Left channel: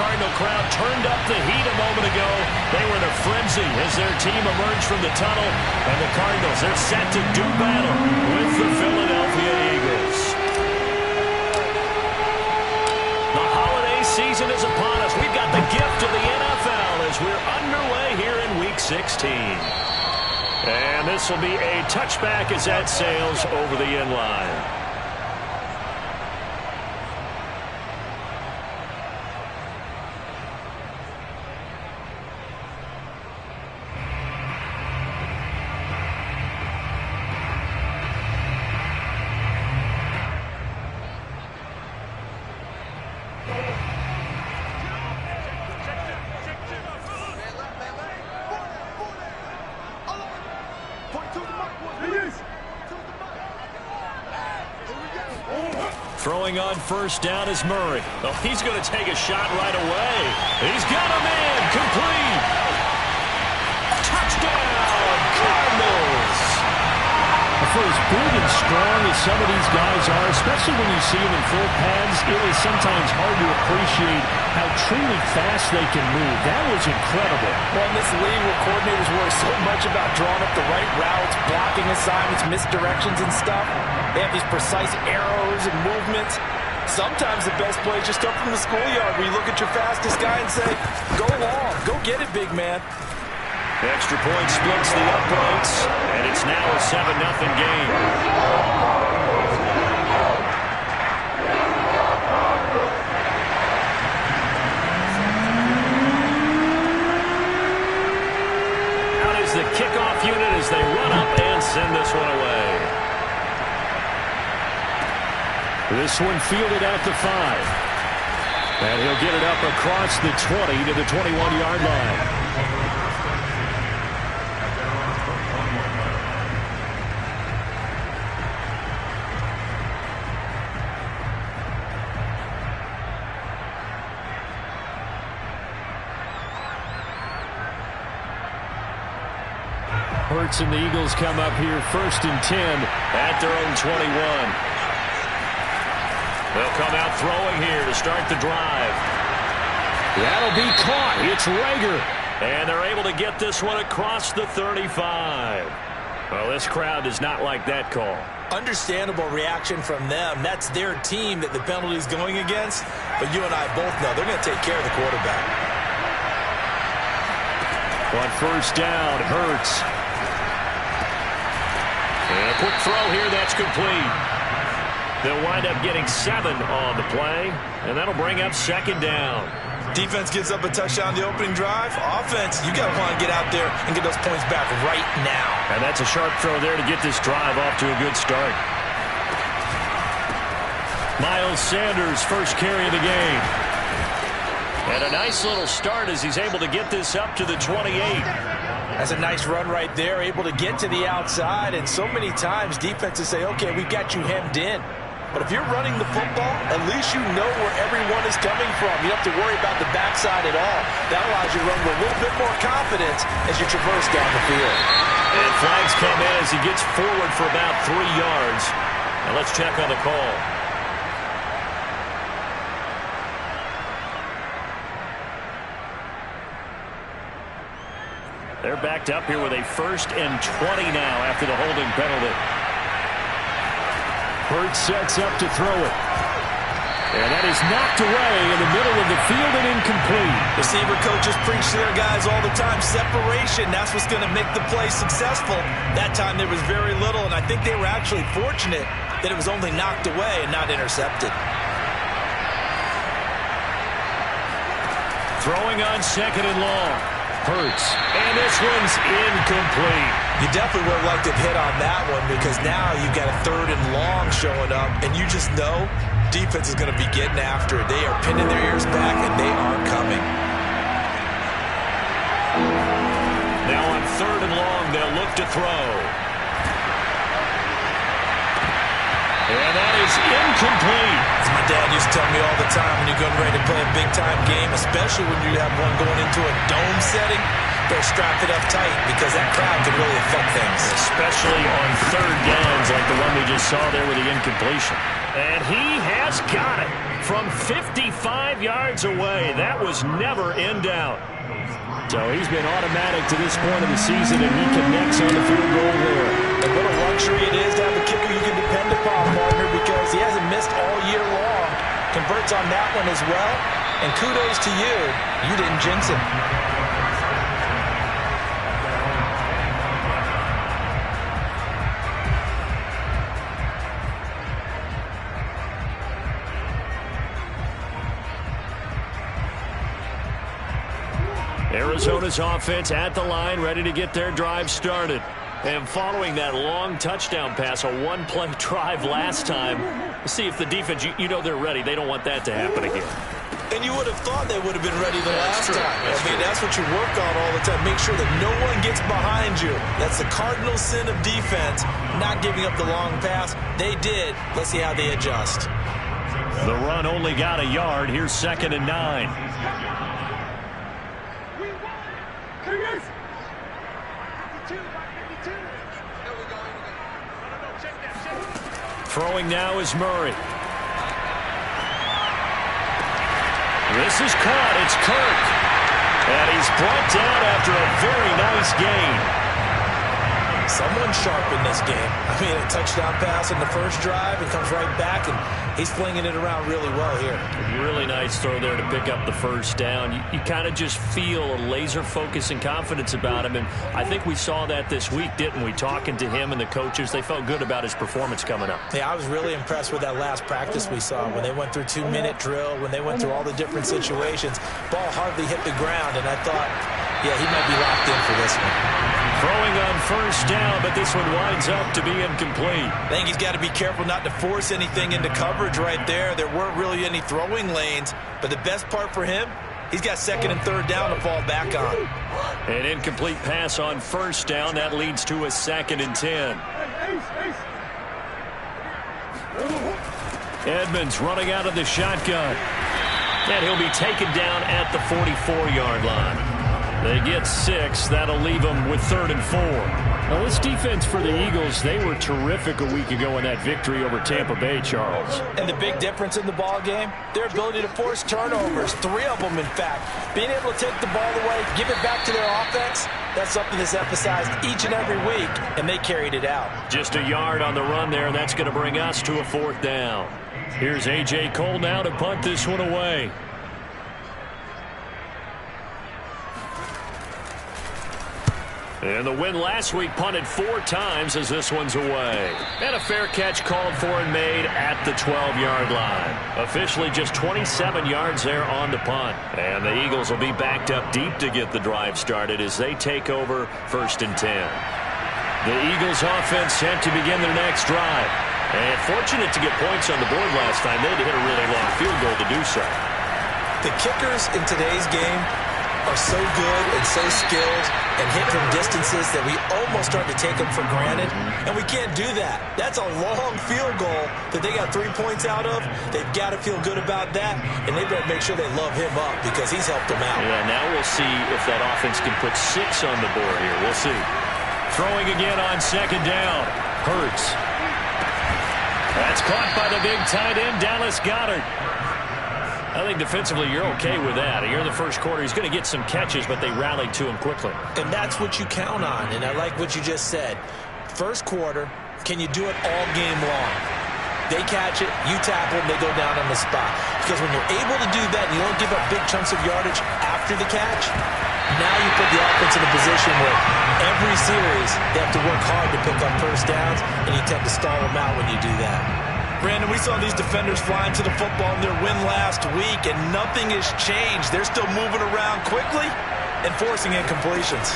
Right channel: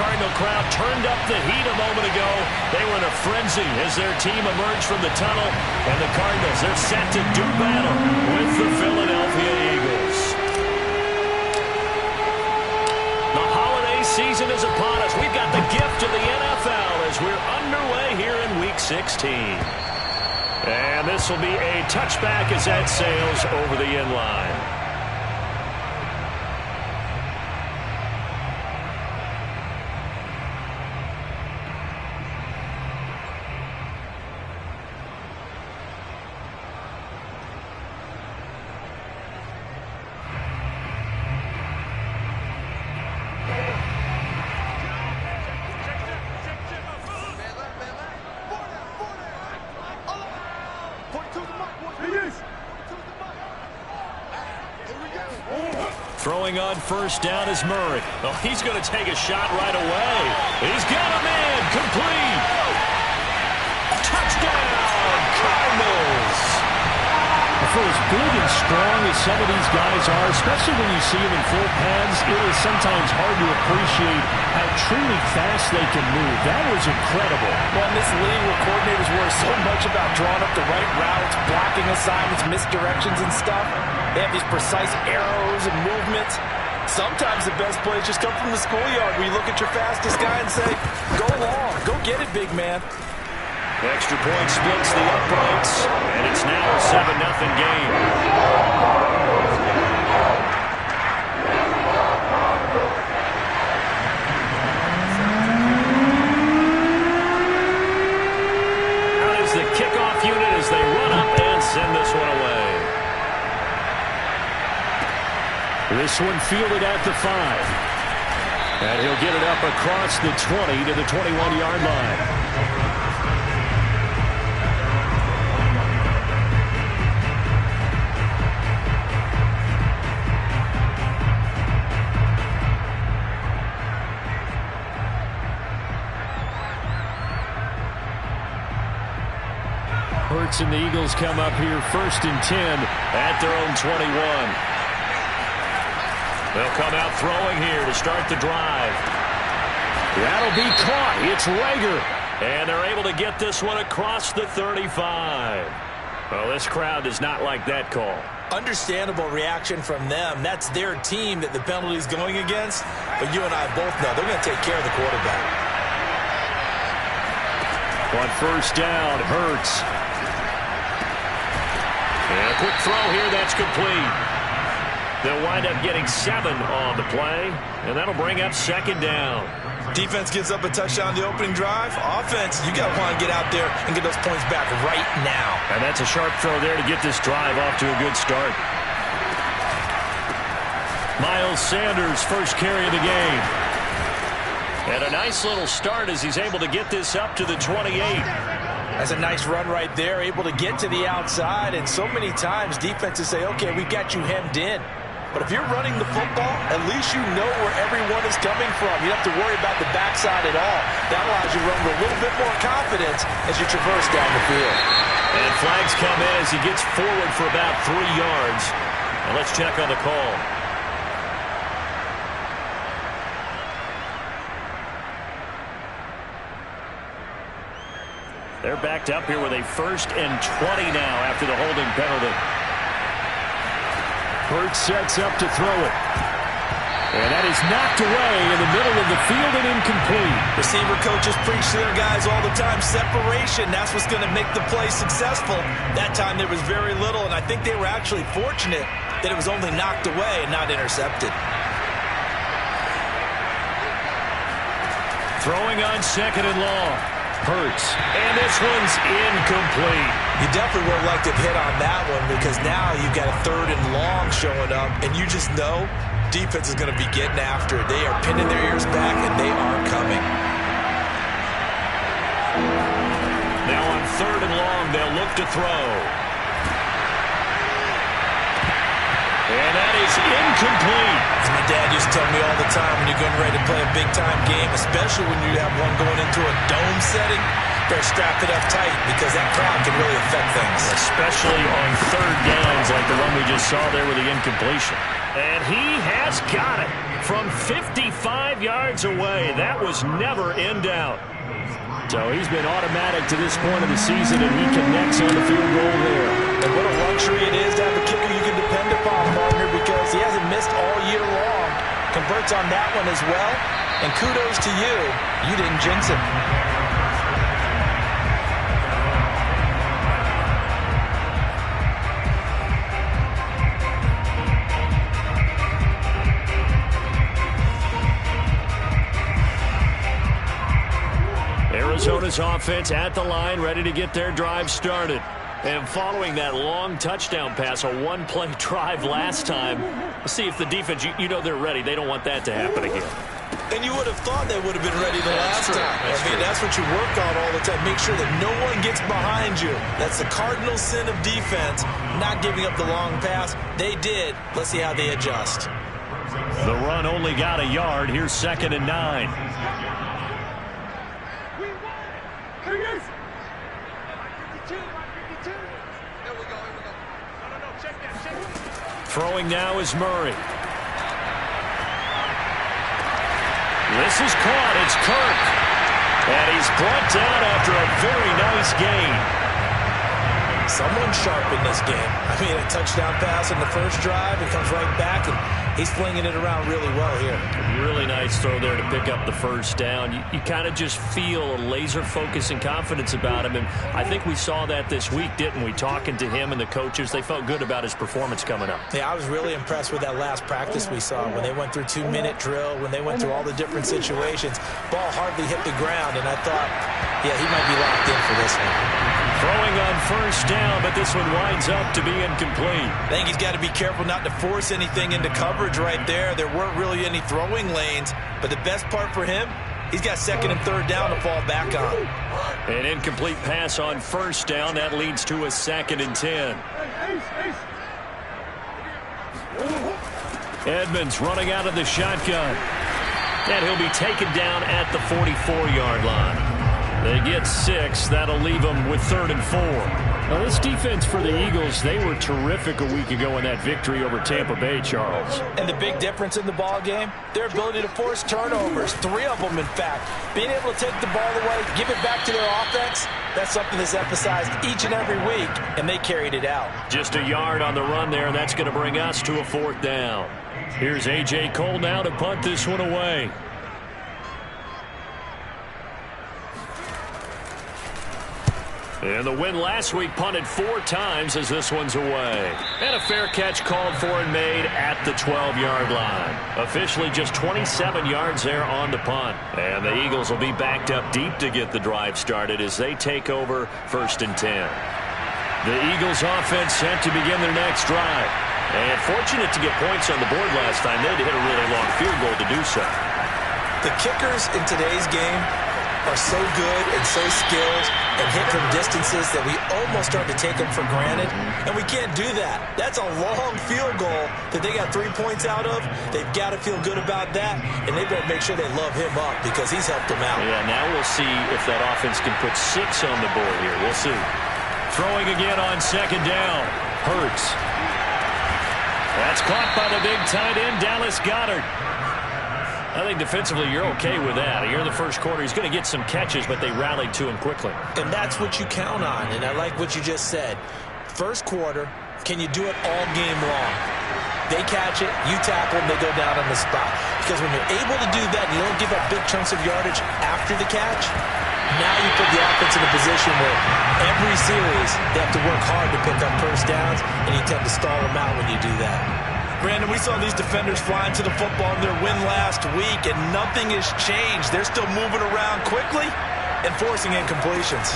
Cardinal crowd turned up the heat a moment ago. They were in a frenzy as their team emerged from the tunnel. And the Cardinals, they're set to do battle with the Philadelphia Eagles. The holiday season is upon us. We've got the gift of the NFL as we're underway here in Week 16. And this will be a touchback as that sails over the end line. Throwing on first down is Murray. Oh, he's going to take a shot right away. He's got a man complete. Touchdown, Cardinals. For as big and strong as some of these guys are, especially when you see them in full pads, it is sometimes hard to appreciate how truly fast they can move. That was incredible. Well, in this league where coordinators worry so much about drawing up the right routes, blocking assignments, misdirections and stuff, they have these precise arrows and movements. Sometimes the best plays just come from the schoolyard where you look at your fastest guy and say, go long, go get it, big man. Extra point splits the uprights, and it's now a 7-0 game. Out is the kickoff unit as they run up and send this one away. This one fielded at the 5. And he'll get it up across the 20 to the 21-yard line. Hurts and the Eagles come up here 1st and 10 at their own 21. They'll come out throwing here to start the drive. That'll be caught. It's Reagor. And they're able to get this one across the 35. Well, this crowd does not like that call. Understandable reaction from them. That's their team that the penalty's going against. But you and I both know they're going to take care of the quarterback. On first down, Hurts. And a quick throw here, that's complete. They'll wind up getting 7 on the play, and that'll bring up 2nd down. Defense gives up a touchdown the opening drive. Offense, you got to want to get out there and get those points back right now. And that's a sharp throw there to get this drive off to a good start. Miles Sanders, first carry of the game. And a nice little start as he's able to get this up to the 28. That's a nice run right there, able to get to the outside. And so many times defenses say, okay, we've got you hemmed in. But if you're running the football, at least you know where everyone is coming from. You don't have to worry about the backside at all. That allows you to run with a little bit more confidence as you traverse down the field. And flags come in as he gets forward for about 3 yards. Now let's check on the call. They're backed up here with a 1st and 20 now after the holding penalty. Hurts sets up to throw it. And that is knocked away in the middle of the field and incomplete. Receiver coaches preach to their guys all the time. Separation, that's what's going to make the play successful. That time there was very little, and I think they were actually fortunate that it was only knocked away and not intercepted. Throwing on 2nd and long. Hurts. And this one's incomplete. You definitely would have liked to hit on that one because now you've got a 3rd and long showing up, and you just know defense is going to be getting after it. They are pinning their ears back, and they are coming. Now on 3rd and long, they'll look to throw. And that is incomplete. As my dad used to tell me all the time, when you're getting ready to play a big-time game, especially when you have one going into a dome setting, better strap it up tight because that crowd can really affect things. Especially on third downs like the one we just saw there with the incompletion. And he has got it from 55 yards away. That was never in doubt. So he's been automatic to this point of the season, and he connects on the field goal there. And what a luxury it is to have a kicker you can depend upon, partner, because he hasn't missed all year long. Converts on that one as well. And kudos to you. You didn't jinx him. Arizona's offense at the line, ready to get their drive started. And following that long touchdown pass, a one-play drive last time, let's see if the defense, you know they're ready. They don't want that to happen again. And you would have thought they would have been ready the last time. That's what you work on all the time. Make sure that no one gets behind you. That's the cardinal sin of defense, not giving up the long pass. They did. Let's see how they adjust. The run only got a yard. Here's 2nd and 9. Throwing now is Murray. This is caught. It's Kirk. And he's brought down after a very nice gain. Someone sharp in this game. A touchdown pass in the first drive. It comes right back, and he's flinging it around really well here. Really nice throw there to pick up the first down. You kind of just feel a laser focus and confidence about him, and I think we saw that this week, didn't we? Talking to him and the coaches, they felt good about his performance coming up. Yeah, I was really impressed with that last practice we saw when they went through 2-minute drill, when they went through all the different situations. Ball hardly hit the ground, and I thought, yeah, he might be locked in for this one. Throwing on first down, but this one winds up to be incomplete. I think he's got to be careful not to force anything into coverage right there. There weren't really any throwing lanes, but the best part for him, he's got 2nd and 3rd down to fall back on. An incomplete pass on first down. That leads to a 2nd and 10. Edmonds running out of the shotgun. And he'll be taken down at the 44-yard line. They get 6. That'll leave them with 3rd and 4. Now, this defense for the Eagles, they were terrific a week ago in that victory over Tampa Bay, Charles. And the big difference in the ball game, their ability to force turnovers, 3 of them, in fact. Being able to take the ball away, give it back to their offense, that's something that's emphasized each and every week, and they carried it out. Just a yard on the run there, and that's going to bring us to a 4th down. Here's A.J. Cole now to punt this one away. And the win last week punted 4 times as this one's away. And a fair catch called for and made at the 12-yard line. Officially just 27 yards there on the punt. And the Eagles will be backed up deep to get the drive started as they take over 1st and 10. The Eagles offense set to begin their next drive. And fortunate to get points on the board last time. They had to hit a really long field goal to do so. The kickers in today's game are so good and so skilled and hit from distances that we almost start to take them for granted, and we can't do that. That's a long field goal that they got 3 points out of. They've got to feel good about that, and they better make sure they love him up because he's helped them out. Yeah, now we'll see if that offense can put 6 on the board here. We'll see. Throwing again on 2nd down. Hurts. That's caught by the big tight end, Dallas Goedert. I think defensively you're okay with that. Here in the first quarter, he's going to get some catches, but they rallied to him quickly. And that's what you count on, and I like what you just said. First quarter, can you do it all game long? They catch it, you tackle them, they go down on the spot. Because when you're able to do that and you don't give up big chunks of yardage after the catch, now you put the offense in a position where every series they have to work hard to pick up first downs, and you tend to stall them out when you do that. Brandon, we saw these defenders flying to the football in their win last week, and nothing has changed. They're still moving around quickly and forcing incompletions.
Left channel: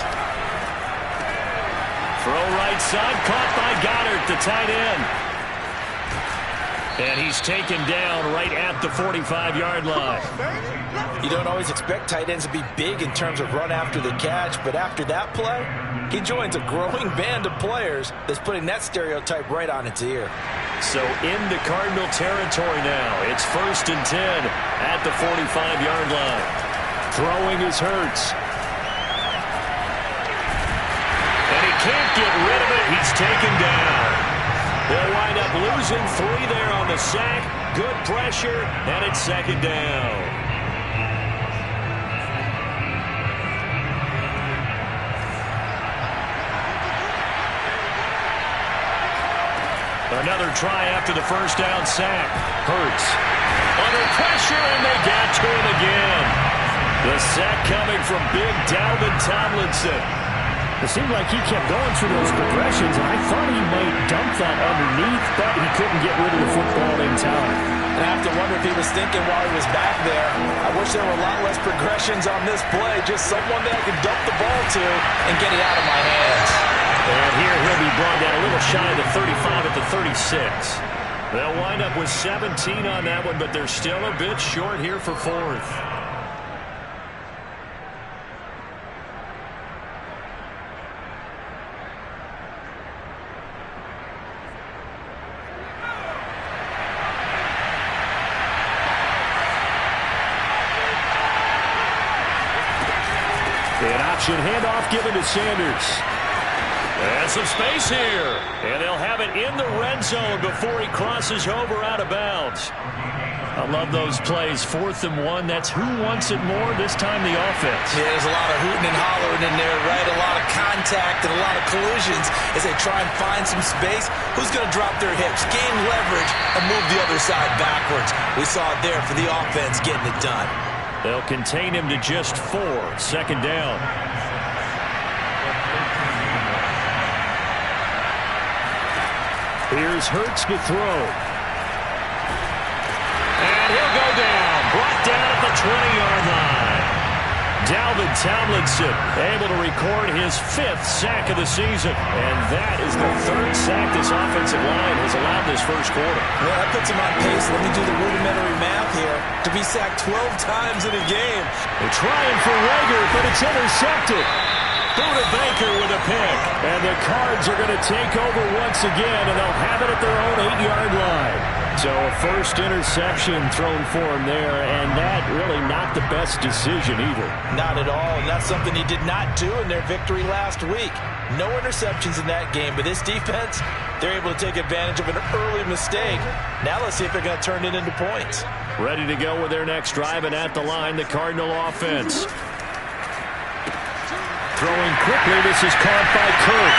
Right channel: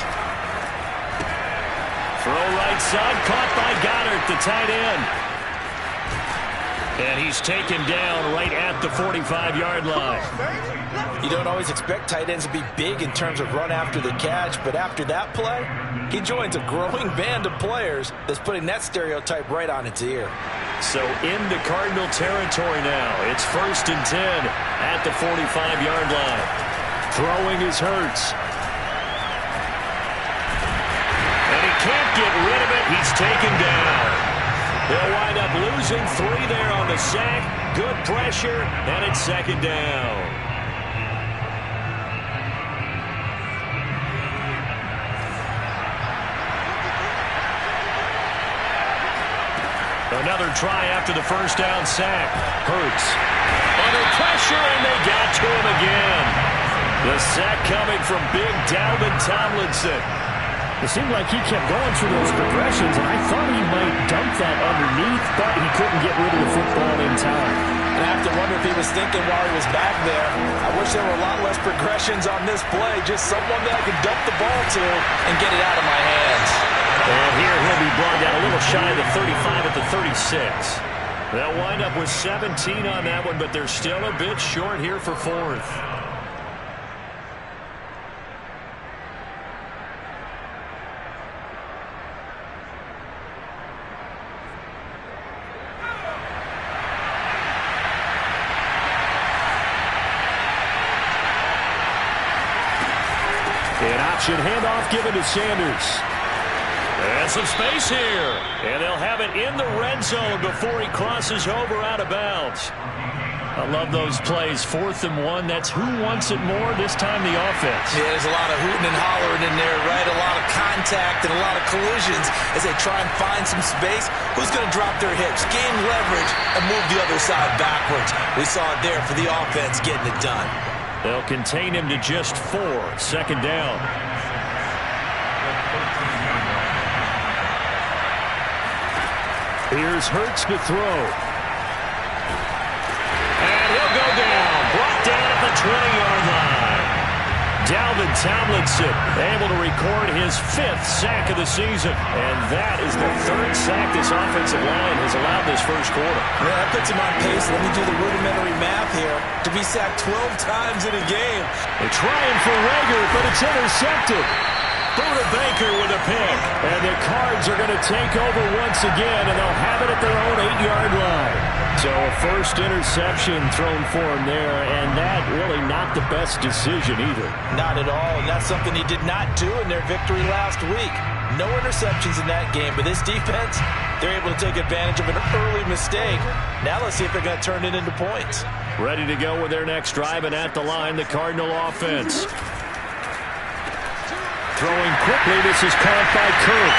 Throw right side, caught by Goddard, the tight end. And he's taken down right at the 45-yard line. You don't always expect tight ends to be big in terms of run after the catch, but after that play, he joins a growing band of players that's putting that stereotype right on its ear. So into Cardinal territory now. It's 1st and 10 at the 45-yard line. Throwing is Hurts. And he can't get rid of it. He's taken down. They'll wind up losing 3 there on the sack. Good pressure, and it's second down. Another try after the first down sack. Hurts under pressure, and they got to him again. The sack coming from big Dalvin Tomlinson. It seemed like he kept going through those progressions, and I thought he might dump that underneath, but he couldn't get rid of the football in time. And I have to wonder if he was thinking while he was back there, I wish there were a lot less progressions on this play, just someone that I could dump the ball to and get it out of my hands. And here he'll be brought down a little shy of the 35 at the 36. They'll wind up with 17 on that one, but they're still a bit short here for 4th. An option handoff given to Sanders. And some space here. And they'll have it in the red zone before he crosses over out of bounds. I love those plays. 4th and 1. That's who wants it more, this time the offense. Yeah, there's a lot of hooting and hollering in there, right? A lot of contact and a lot of collisions as they try and find some space. Who's going to drop their hips, gain leverage, and move the other side backwards? We saw it there for the offense getting it done. They'll contain him to just 4. Second down. Here's Hurts to throw. And he'll go down. Brought down at the 20-yard line. Dalvin Tomlinson able to record his 5th sack of the season. And that is the 3rd sack this offensive line has allowed this first quarter. Yeah, that puts him on pace. Let me do the rudimentary math here. To be sacked 12 times in a game. They're trying for Reagor, but it's intercepted. Buda Baker with a pick. And the Cards are going to take over once again, and they'll have it at their own 8-yard line. So a first interception thrown for him there, and that really not the best decision either. Not at all, and that's something he did not do in their victory last week. No interceptions in that game, but this defense, they're able to take advantage of an early mistake. Now let's see if they're going to turn it into points. Ready to go with their next drive, and at the line, the Cardinal offense. Throwing quickly, this is caught by Kirk.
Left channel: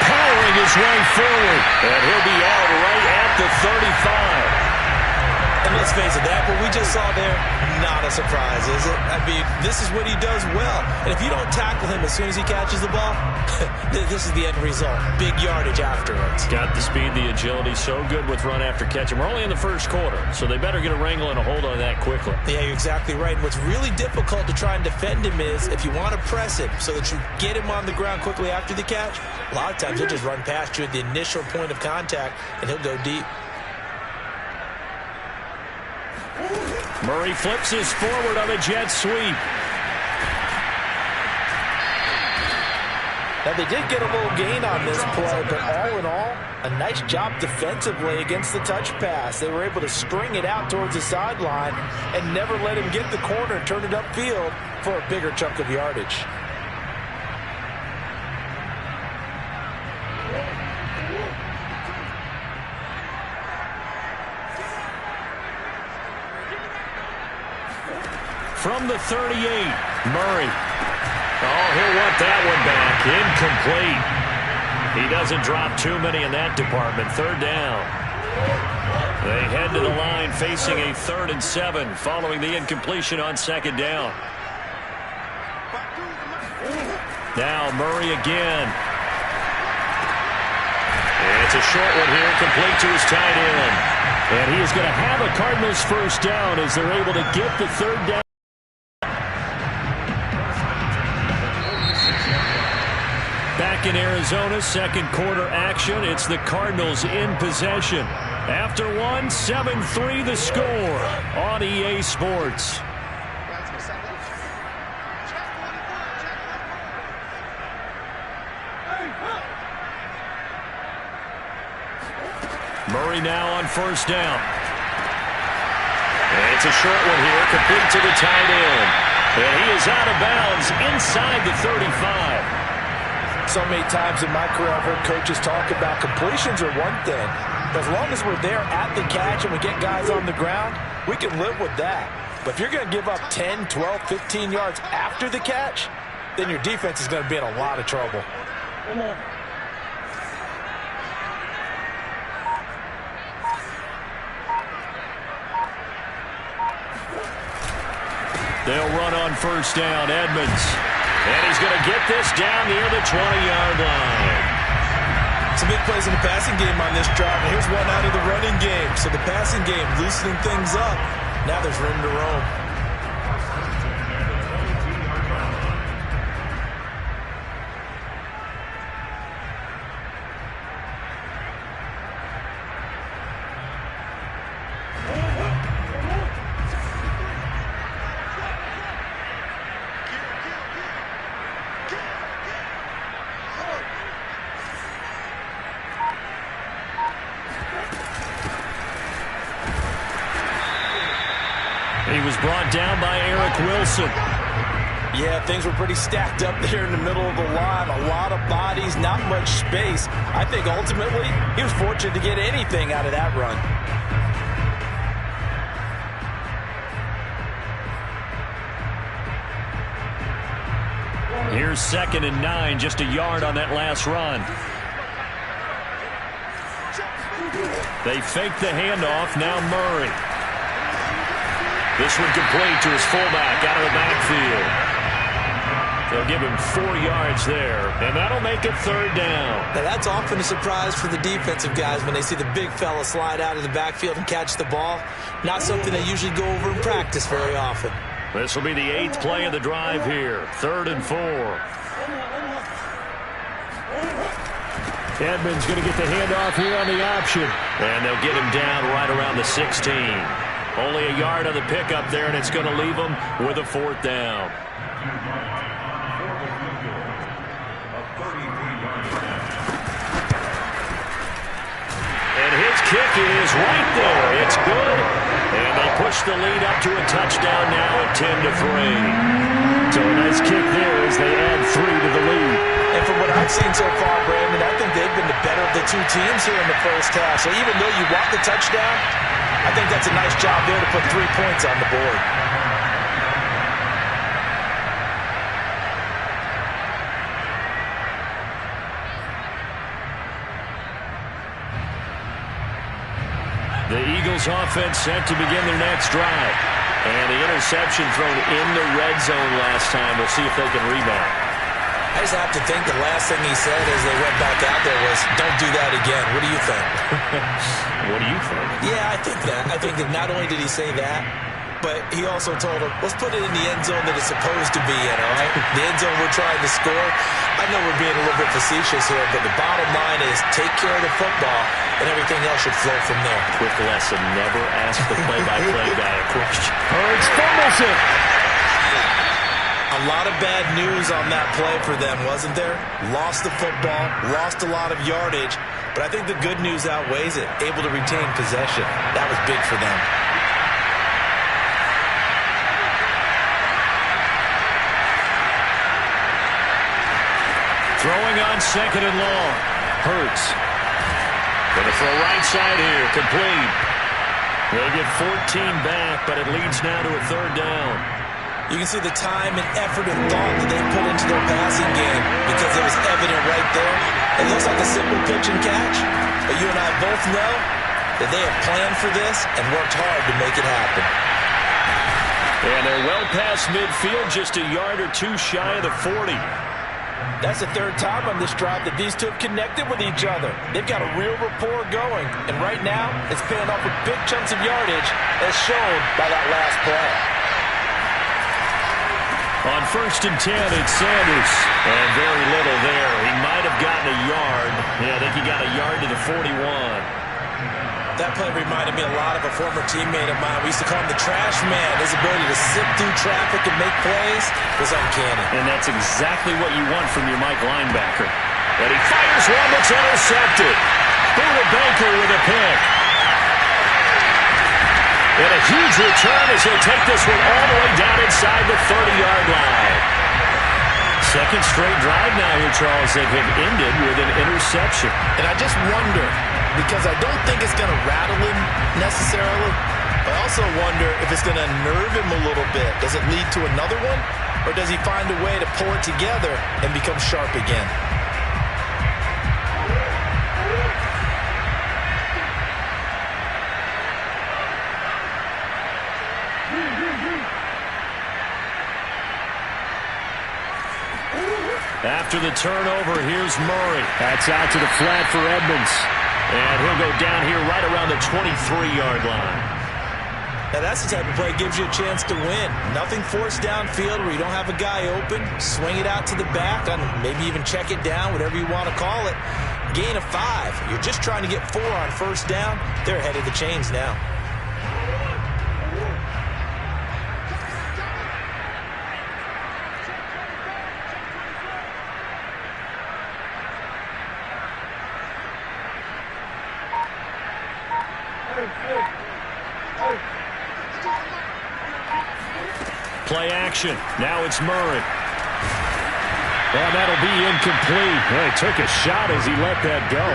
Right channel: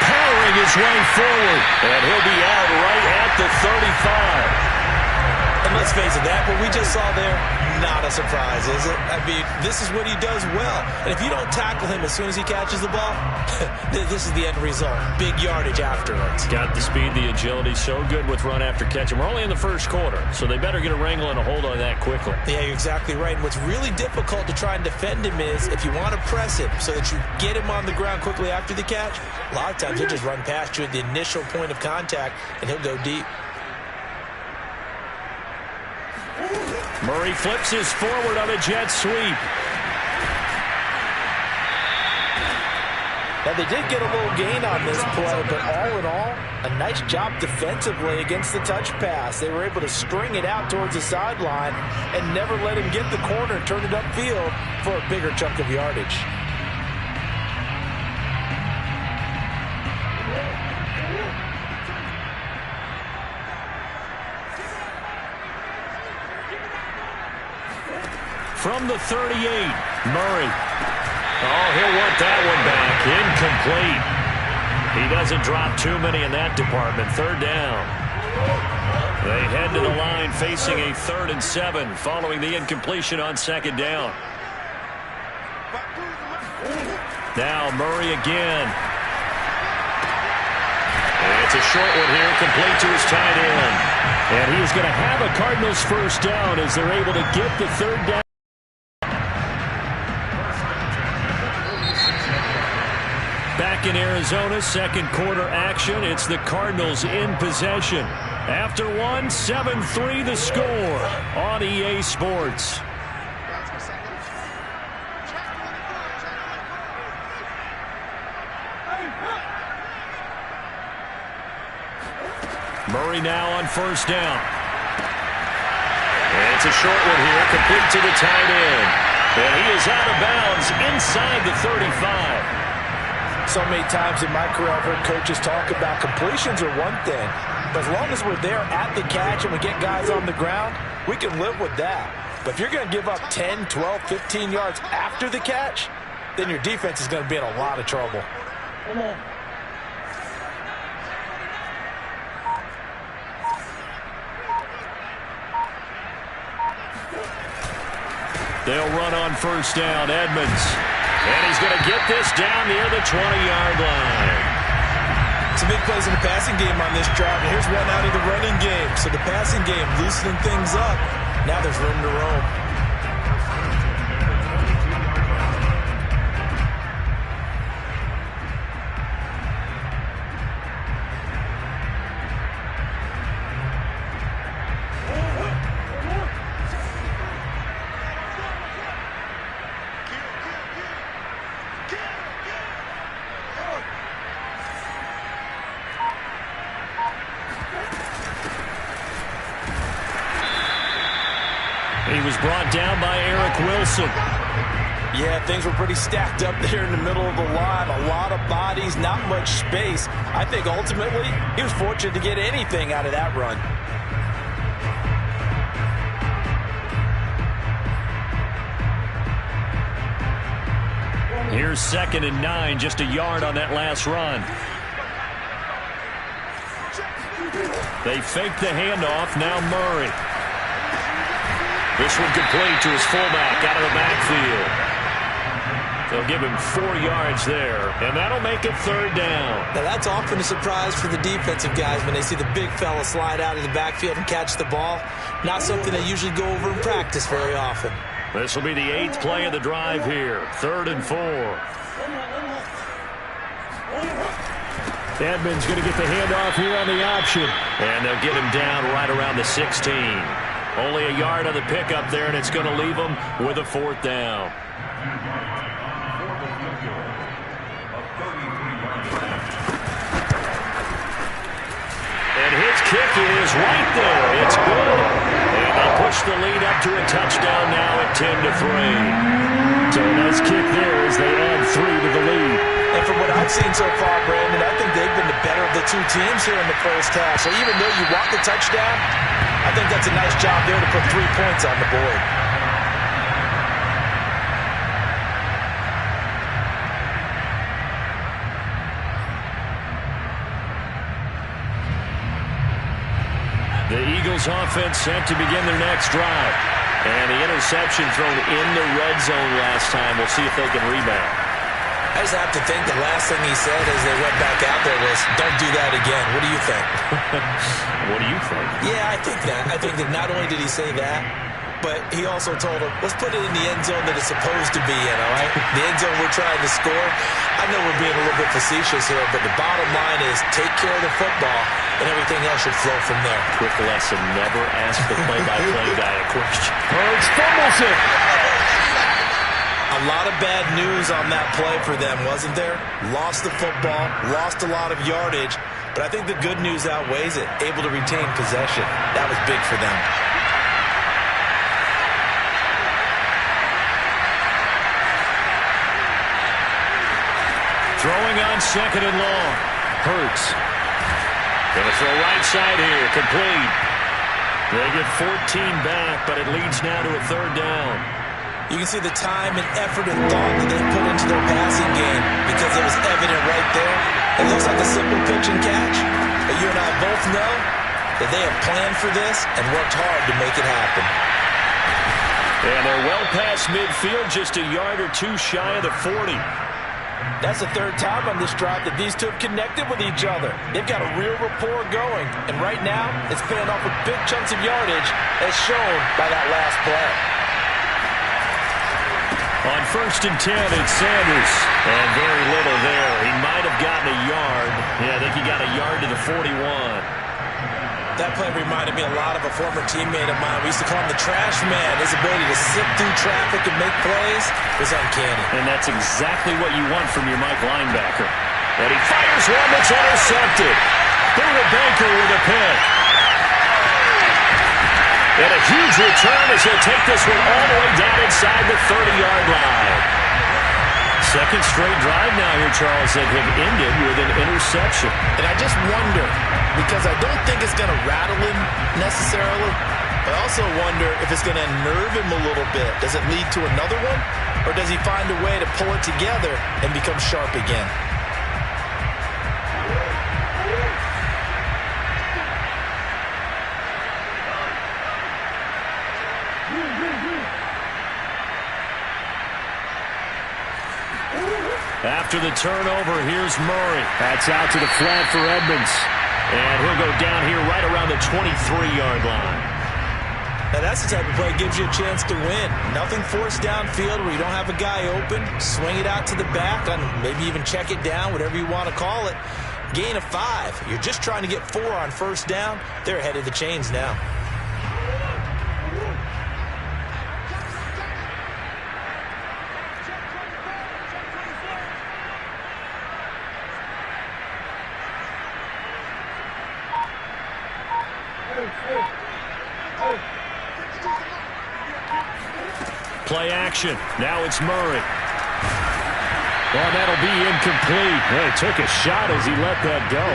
Powering his way forward. And he'll be out right at the 35. And let's face it, that what we just saw there, not a surprise, is it? I mean, this is what he does well. And if you don't tackle him as soon as he catches the ball, this is the end result. Big yardage afterwards. Got the speed, the agility, so good with run after catch. And we're only in the first quarter, so they better get a wrangle and a hold on that quickly. Yeah, you're exactly right. And what's really difficult to try and defend him is if you want to press him so that you get him on the ground quickly after the catch, a lot of times he'll just run past you at the initial point of contact, and he'll go deep. Murray flips his forward on a jet sweep. Now, they did get a little gain on this play, but all in all, a nice job defensively against the touch pass. They were able to string it out towards the sideline and never let him get the corner and turn it upfield for a bigger chunk of yardage. From the 38, Murray. Oh, he'll want that one back. Incomplete. He doesn't drop too many in that department. 3rd down. They head to the line facing a 3rd and 7 following the incompletion on 2nd down. Now Murray again. It's a short one here, complete to his tight end. And he is going to have a Cardinals first down as they're able to get the 3rd down. Back in Arizona, 2nd quarter action. It's the Cardinals in possession. After one, 7-3 the score on EA Sports. Murray now on 1st down. And it's a short one here, complete to the tight end. And he is out of bounds inside the 35. So many times in my career I've heard coaches talk about completions are one thing, but as long as we're there at the catch and we get guys on the ground, we can live with that. But if you're going to give up 10, 12, 15 yards after the catch, then your defense is going to be in a lot of trouble. They'll run on first down, Edmonds. And he's going to get this down near the 20-yard line. Some big plays in the passing game on this drive, and here's one out of the running game. So the passing game loosening things up. Now there's room to roam. He was brought down by Eric Wilson. Yeah, things were pretty stacked up there in the middle of the line. A lot of bodies, not much space. I think ultimately he was fortunate to get anything out of that run. Here's 2nd and 9, just a yard on that last run. They fake the handoff, now Murray. This one complete to his fullback out of the backfield. They'll give him 4 yards there, and that'll make it 3rd down. Now that's often a surprise for the defensive guys when they see the big fella slide out of the backfield and catch the ball. Not something they usually go over in practice very often. This will be the 8th play of the drive here. 3rd and 4. Edmonds going to get the handoff here on the option. And they'll get him down right around the 16. Only a yard on the pickup there, and it's going to leave him with a 4th down. And his kick is right there. It's good. And they push the lead up to a touchdown now at 10-3. So a nice kick there as they add 3 to the lead. And from what I've seen so far, Brandon, I think they've been the better of the two teams here in the first half. So even though you want the touchdown, I think that's a nice job there to put 3 points on the board. The Eagles offense set to begin their next drive. And the interception thrown in the red zone last time. We'll see if they can rebound. I just have to think the last thing he said as they went back out there was, don't do that again. What do you think? What do you think? Yeah, I think that. I think that not only did he say that, but he also told him, let's put it in the end zone that it's supposed to be in, all right? The end zone we're trying to score. I know we're being a little bit facetious here, but the bottom line is take care of the football, and everything else should flow from there. Quick lesson, never ask the play-by-play guy a question. Hurts fumbles it. A lot of bad news on that play for them, wasn't there? Lost the football, lost a lot of yardage, but I think the good news outweighs it. Able to retain possession. That was big for them. Throwing on 2nd and long. Hurts. Going to throw right side here. Complete. They get 14 back, but it leads now to a 3rd down. You can see the time and effort and thought that they put into their passing game because it was evident right there. It looks like a simple pitch and catch, but you and I both know that they have planned for this and worked hard to make it happen. And they're well past midfield, just a yard or 2 shy of the 40. That's the 3rd time on this drive that these two have connected with each other. They've got a real rapport going, and right now it's paying off with big chunks of yardage as shown by that last play. On 1st and 10, it's Sanders. And very little there. He might have gotten a yard. Yeah, I think he got a yard to the 41. That play reminded me a lot of a former teammate of mine. We used to call him the trash man. His ability to sift through traffic and make plays was uncanny. And that's exactly what you want from your Mike linebacker. And he fires one that's intercepted. Buda Baker with a pick. And a huge return as he'll take this one all the way down inside the 30-yard line. Second straight drive now here, Charles, that have ended with an interception. And I just wonder, because I don't think it's going to rattle him necessarily, but I also wonder if it's going to nerve him a little bit. Does it lead to another one? Or does he find a way to pull it together and become sharp again? After the turnover, here's Murray. That's out to the flat for Edmonds. And he'll go down here right around the 23-yard line. Now, that's the type of play that gives you a chance to win. Nothing forced downfield where you don't have a guy open. Swing it out to the back, and maybe even check it down, whatever you want to call it. Gain of 5. You're just trying to get 4 on first down. They're ahead of the chains now. Play action. Now it's Murray. Well, that'll be incomplete. Well, he took a shot as he let that go.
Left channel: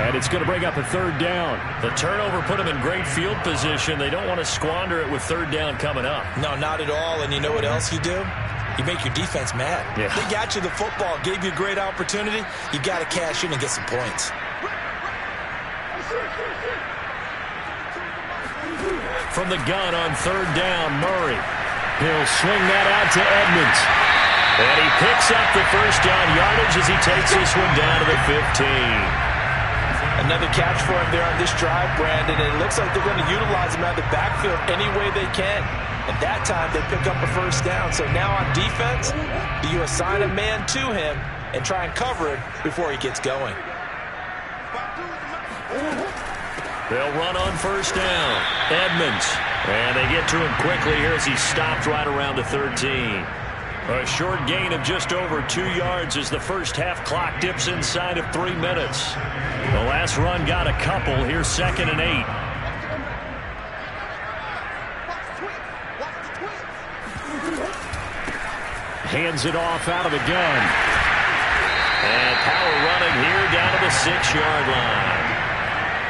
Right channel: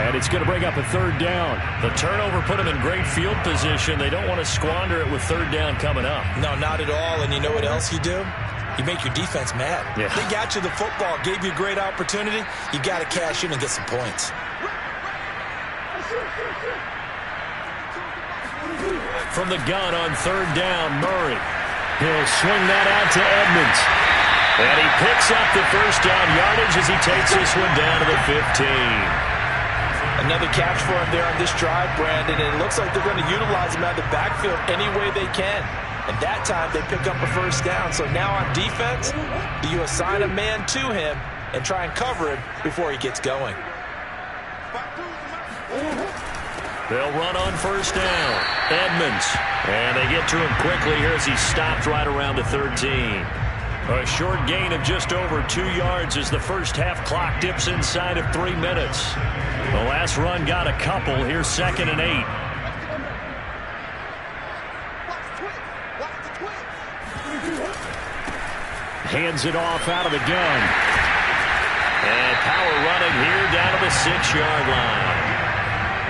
And it's going to bring up a third down. The turnover put him in great field position. They don't want to squander it with third down coming up. No, not at all. And you know what else you do? You make your defense mad. Yeah. They got you the football, gave you a great opportunity. You got to cash in and get some points. From the gun on third down, Murray. He'll swing that out to Edmonds. And he picks up the first down yardage as he takes this one down to the 15. Another catch for him there on this drive, Brandon, and it looks like they're going to utilize him out of the backfield any way they can. And that time they pick up a first down. So now on defense, do you assign a man to him and try and cover him before he gets going? They'll run on first down. Edmonds. And they get to him quickly here as he's stopped right around the 13. A short gain of just over 2 yards as the first half clock dips inside of 3 minutes. The last run got a couple. Here's 2nd and 8. Hands it off out of the gun. And power running here down to the 6-yard line.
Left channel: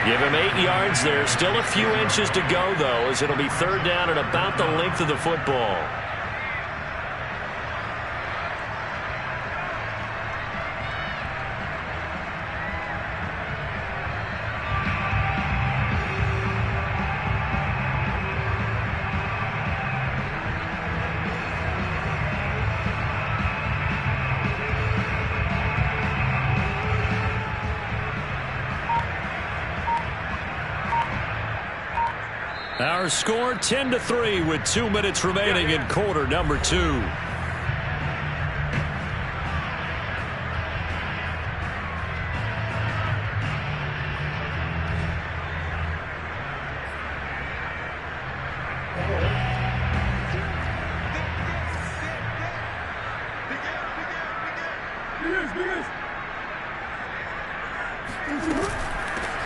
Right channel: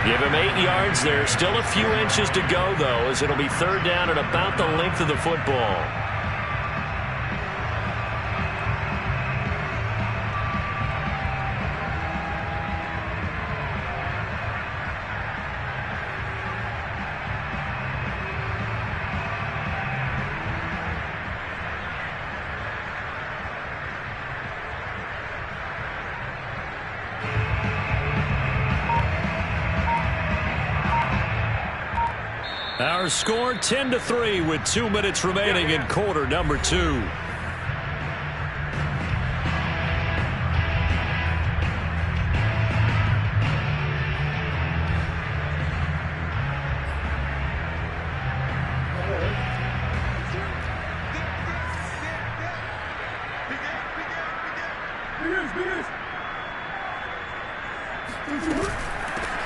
Give him 8 yards there. Still a few inches to go, though, as it'll be third down at about the length of the football. Our score 10-3 with 2 minutes remaining in quarter number 2.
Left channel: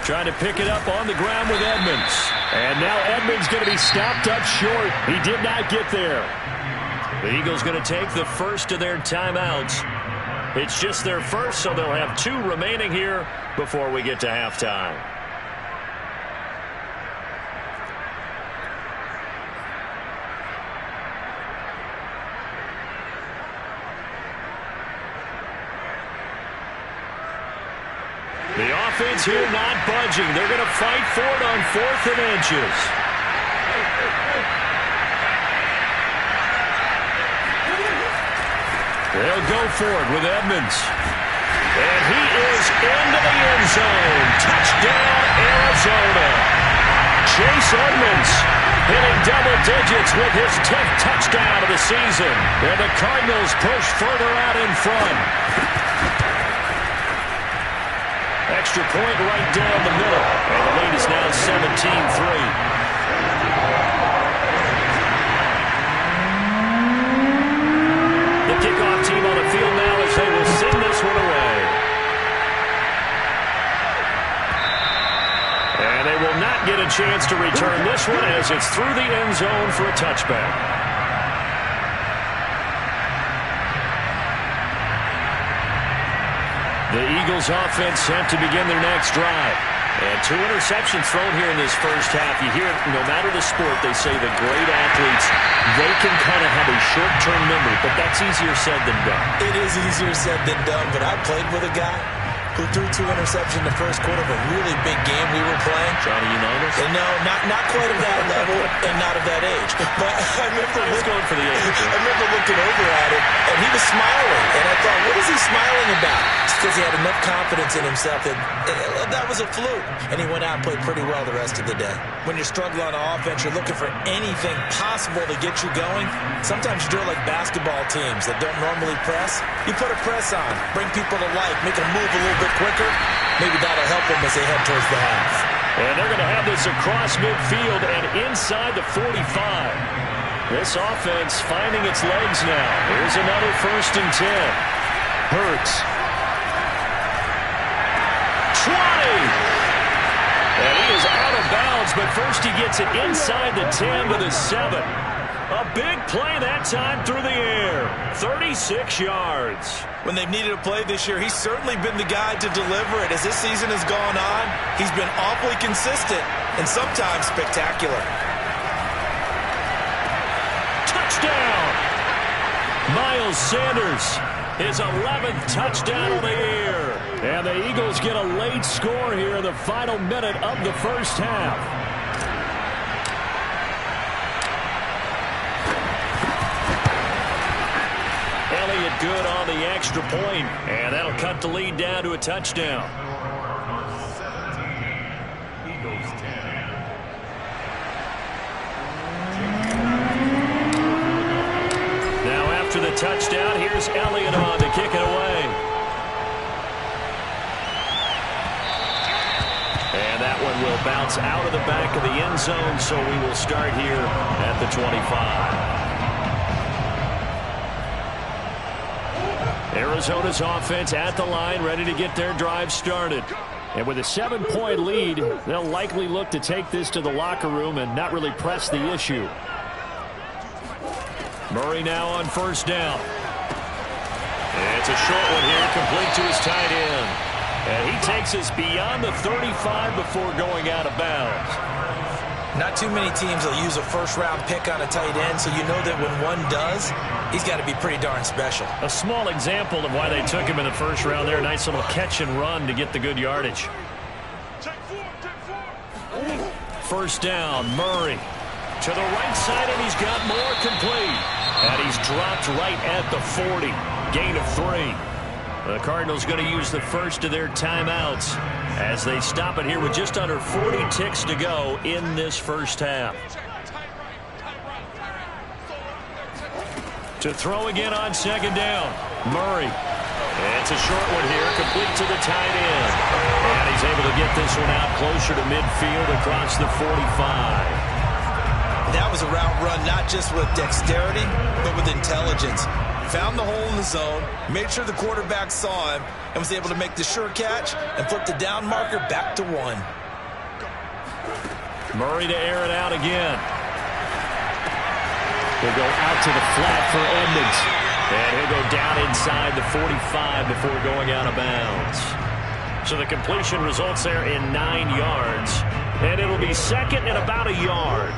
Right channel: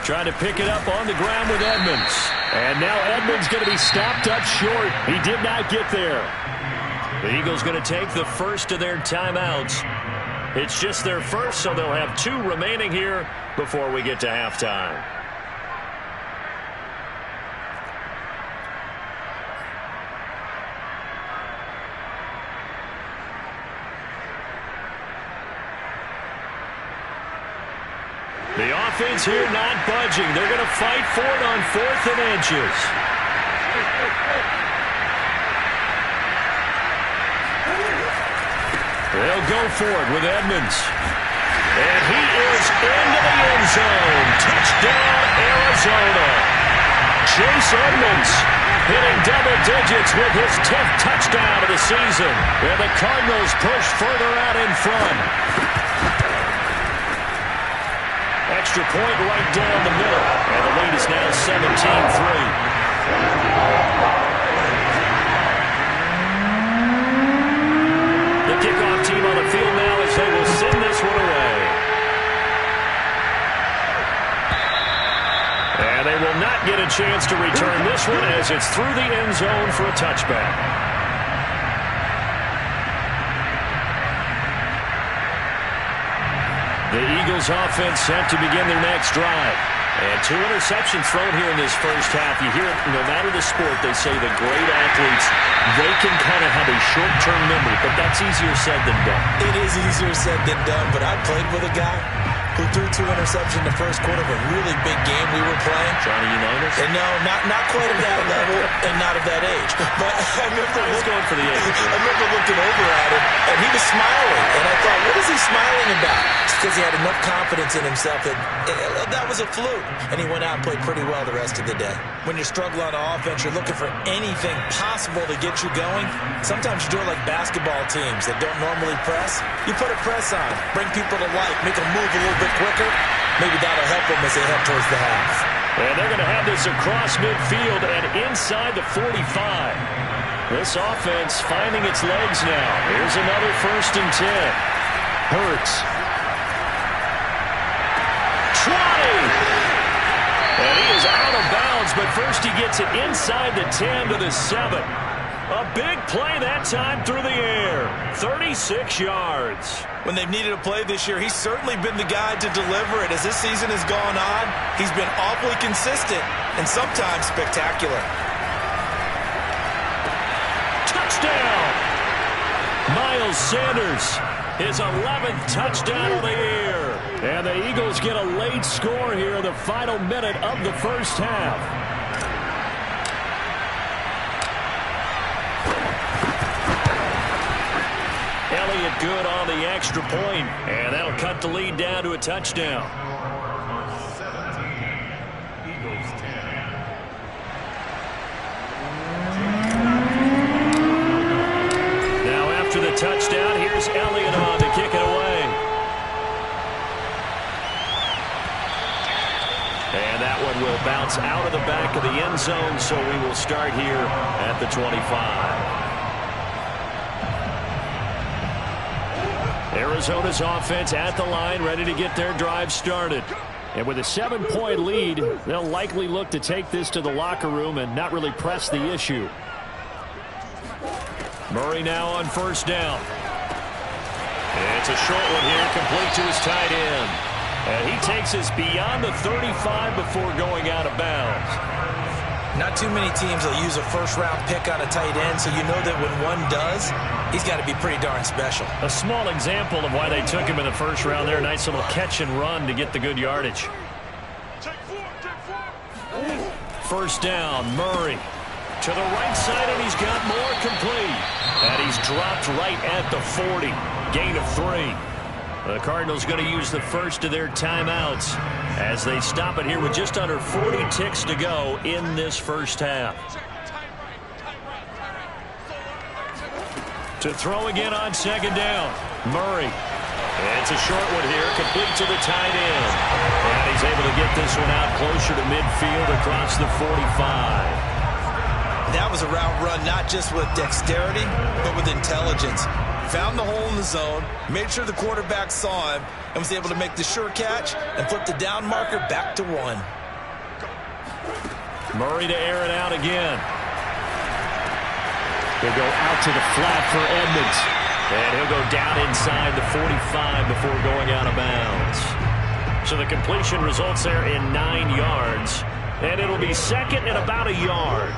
Trying to pick it up on the ground with Edmonds. And now Edmonds going to be stopped up short. He did not get there. The Eagles going to take the first of their timeouts. It's just their first, so they'll have 2 remaining here before we get to halftime. The offense here not budging. They're going to fight for it on 4th and inches. They'll go for it with Edmonds. And he is into the end zone. Touchdown, Arizona. Chase Edmonds hitting double digits with his 10th touchdown of the season. And the Cardinals push further out in front. Extra point right down the middle. And the lead is now 17-3. The kickoff team on the field now as they will send this one away. And they will not get a chance to return this one as it's through the end zone for a touchback. The Eagles offense set to begin their next drive. And 2 interceptions thrown here in this first half. You hear it, no matter the sport, they say the great athletes, they can kind of have a short-term memory, but that's easier said than done. It is easier said than done, but I played with a guy who threw 2 interceptions in the first quarter of a really big game we were playing. Johnny Unitas? And no, not quite of that level and not of that age. But I remember going for the age. I remember looking over at him, and he was smiling. And I thought, what is he smiling about? It's because he had enough confidence in himself that that was a fluke. And he went out and played pretty well the rest of the day. When you're struggling on offense, you're looking for anything possible to get you going. Sometimes you do it like basketball teams that don't normally press. You put a press on, bring people to life, make them move a little bit quicker. Maybe that'll help them as they head towards the half. And they're going to have this across midfield and inside the 45. This offense finding its legs now. Here's another 1st and 10. Hurts. 20. And he is out of bounds, but first he gets it inside the 10 to the 7. A big play that time through the air. 36 yards. When they've needed a play this year, he's certainly been the guy to deliver it. As this season has gone on, he's been awfully consistent and sometimes spectacular. Touchdown! Miles Sanders, his 11th touchdown of the year. And the Eagles get a late score here in the final minute of the first half. Elliott good on the extra point, and that'll cut the lead down to a touchdown. 17, Eagles 10. Now after the touchdown, here's Elliott on to kick it away. And that one will bounce out of the back of the end zone, so we will start here at the 25. Arizona's offense at the line, ready to get their drive started. And with a 7-point lead, they'll likely look to take this to the locker room and not really press the issue. Murray now on 1st down. It's a short one here, complete to his tight end. And he takes us beyond the 35 before going out of bounds. Not too many teams will use a 1st-round pick on a tight end, so you know that when one does, he's got to be pretty darn special. A small example of why they took him in the 1st round there. Nice little catch and run to get the good yardage. 1st down, Murray. To the right side, and he's got more complete. And he's dropped right at the 40. Gain of 3. The Cardinals going to use the first of their timeouts as they stop it here with just under 40 ticks to go in this first half. To throw again on 2nd down, Murray. It's a short one here, complete to the tight end. And he's able to get this one out closer to midfield across the 45. That was a route run not just with dexterity, but with intelligence. Found the hole in the zone, made sure the quarterback saw him, and was able to make the sure catch and flip the down marker back to 1. Murray to air it out again. He'll go out to the flat for Edmonds. And he'll go down inside the 45 before going out of bounds. So the completion results there in 9 yards. And it'll be 2nd and about a yard.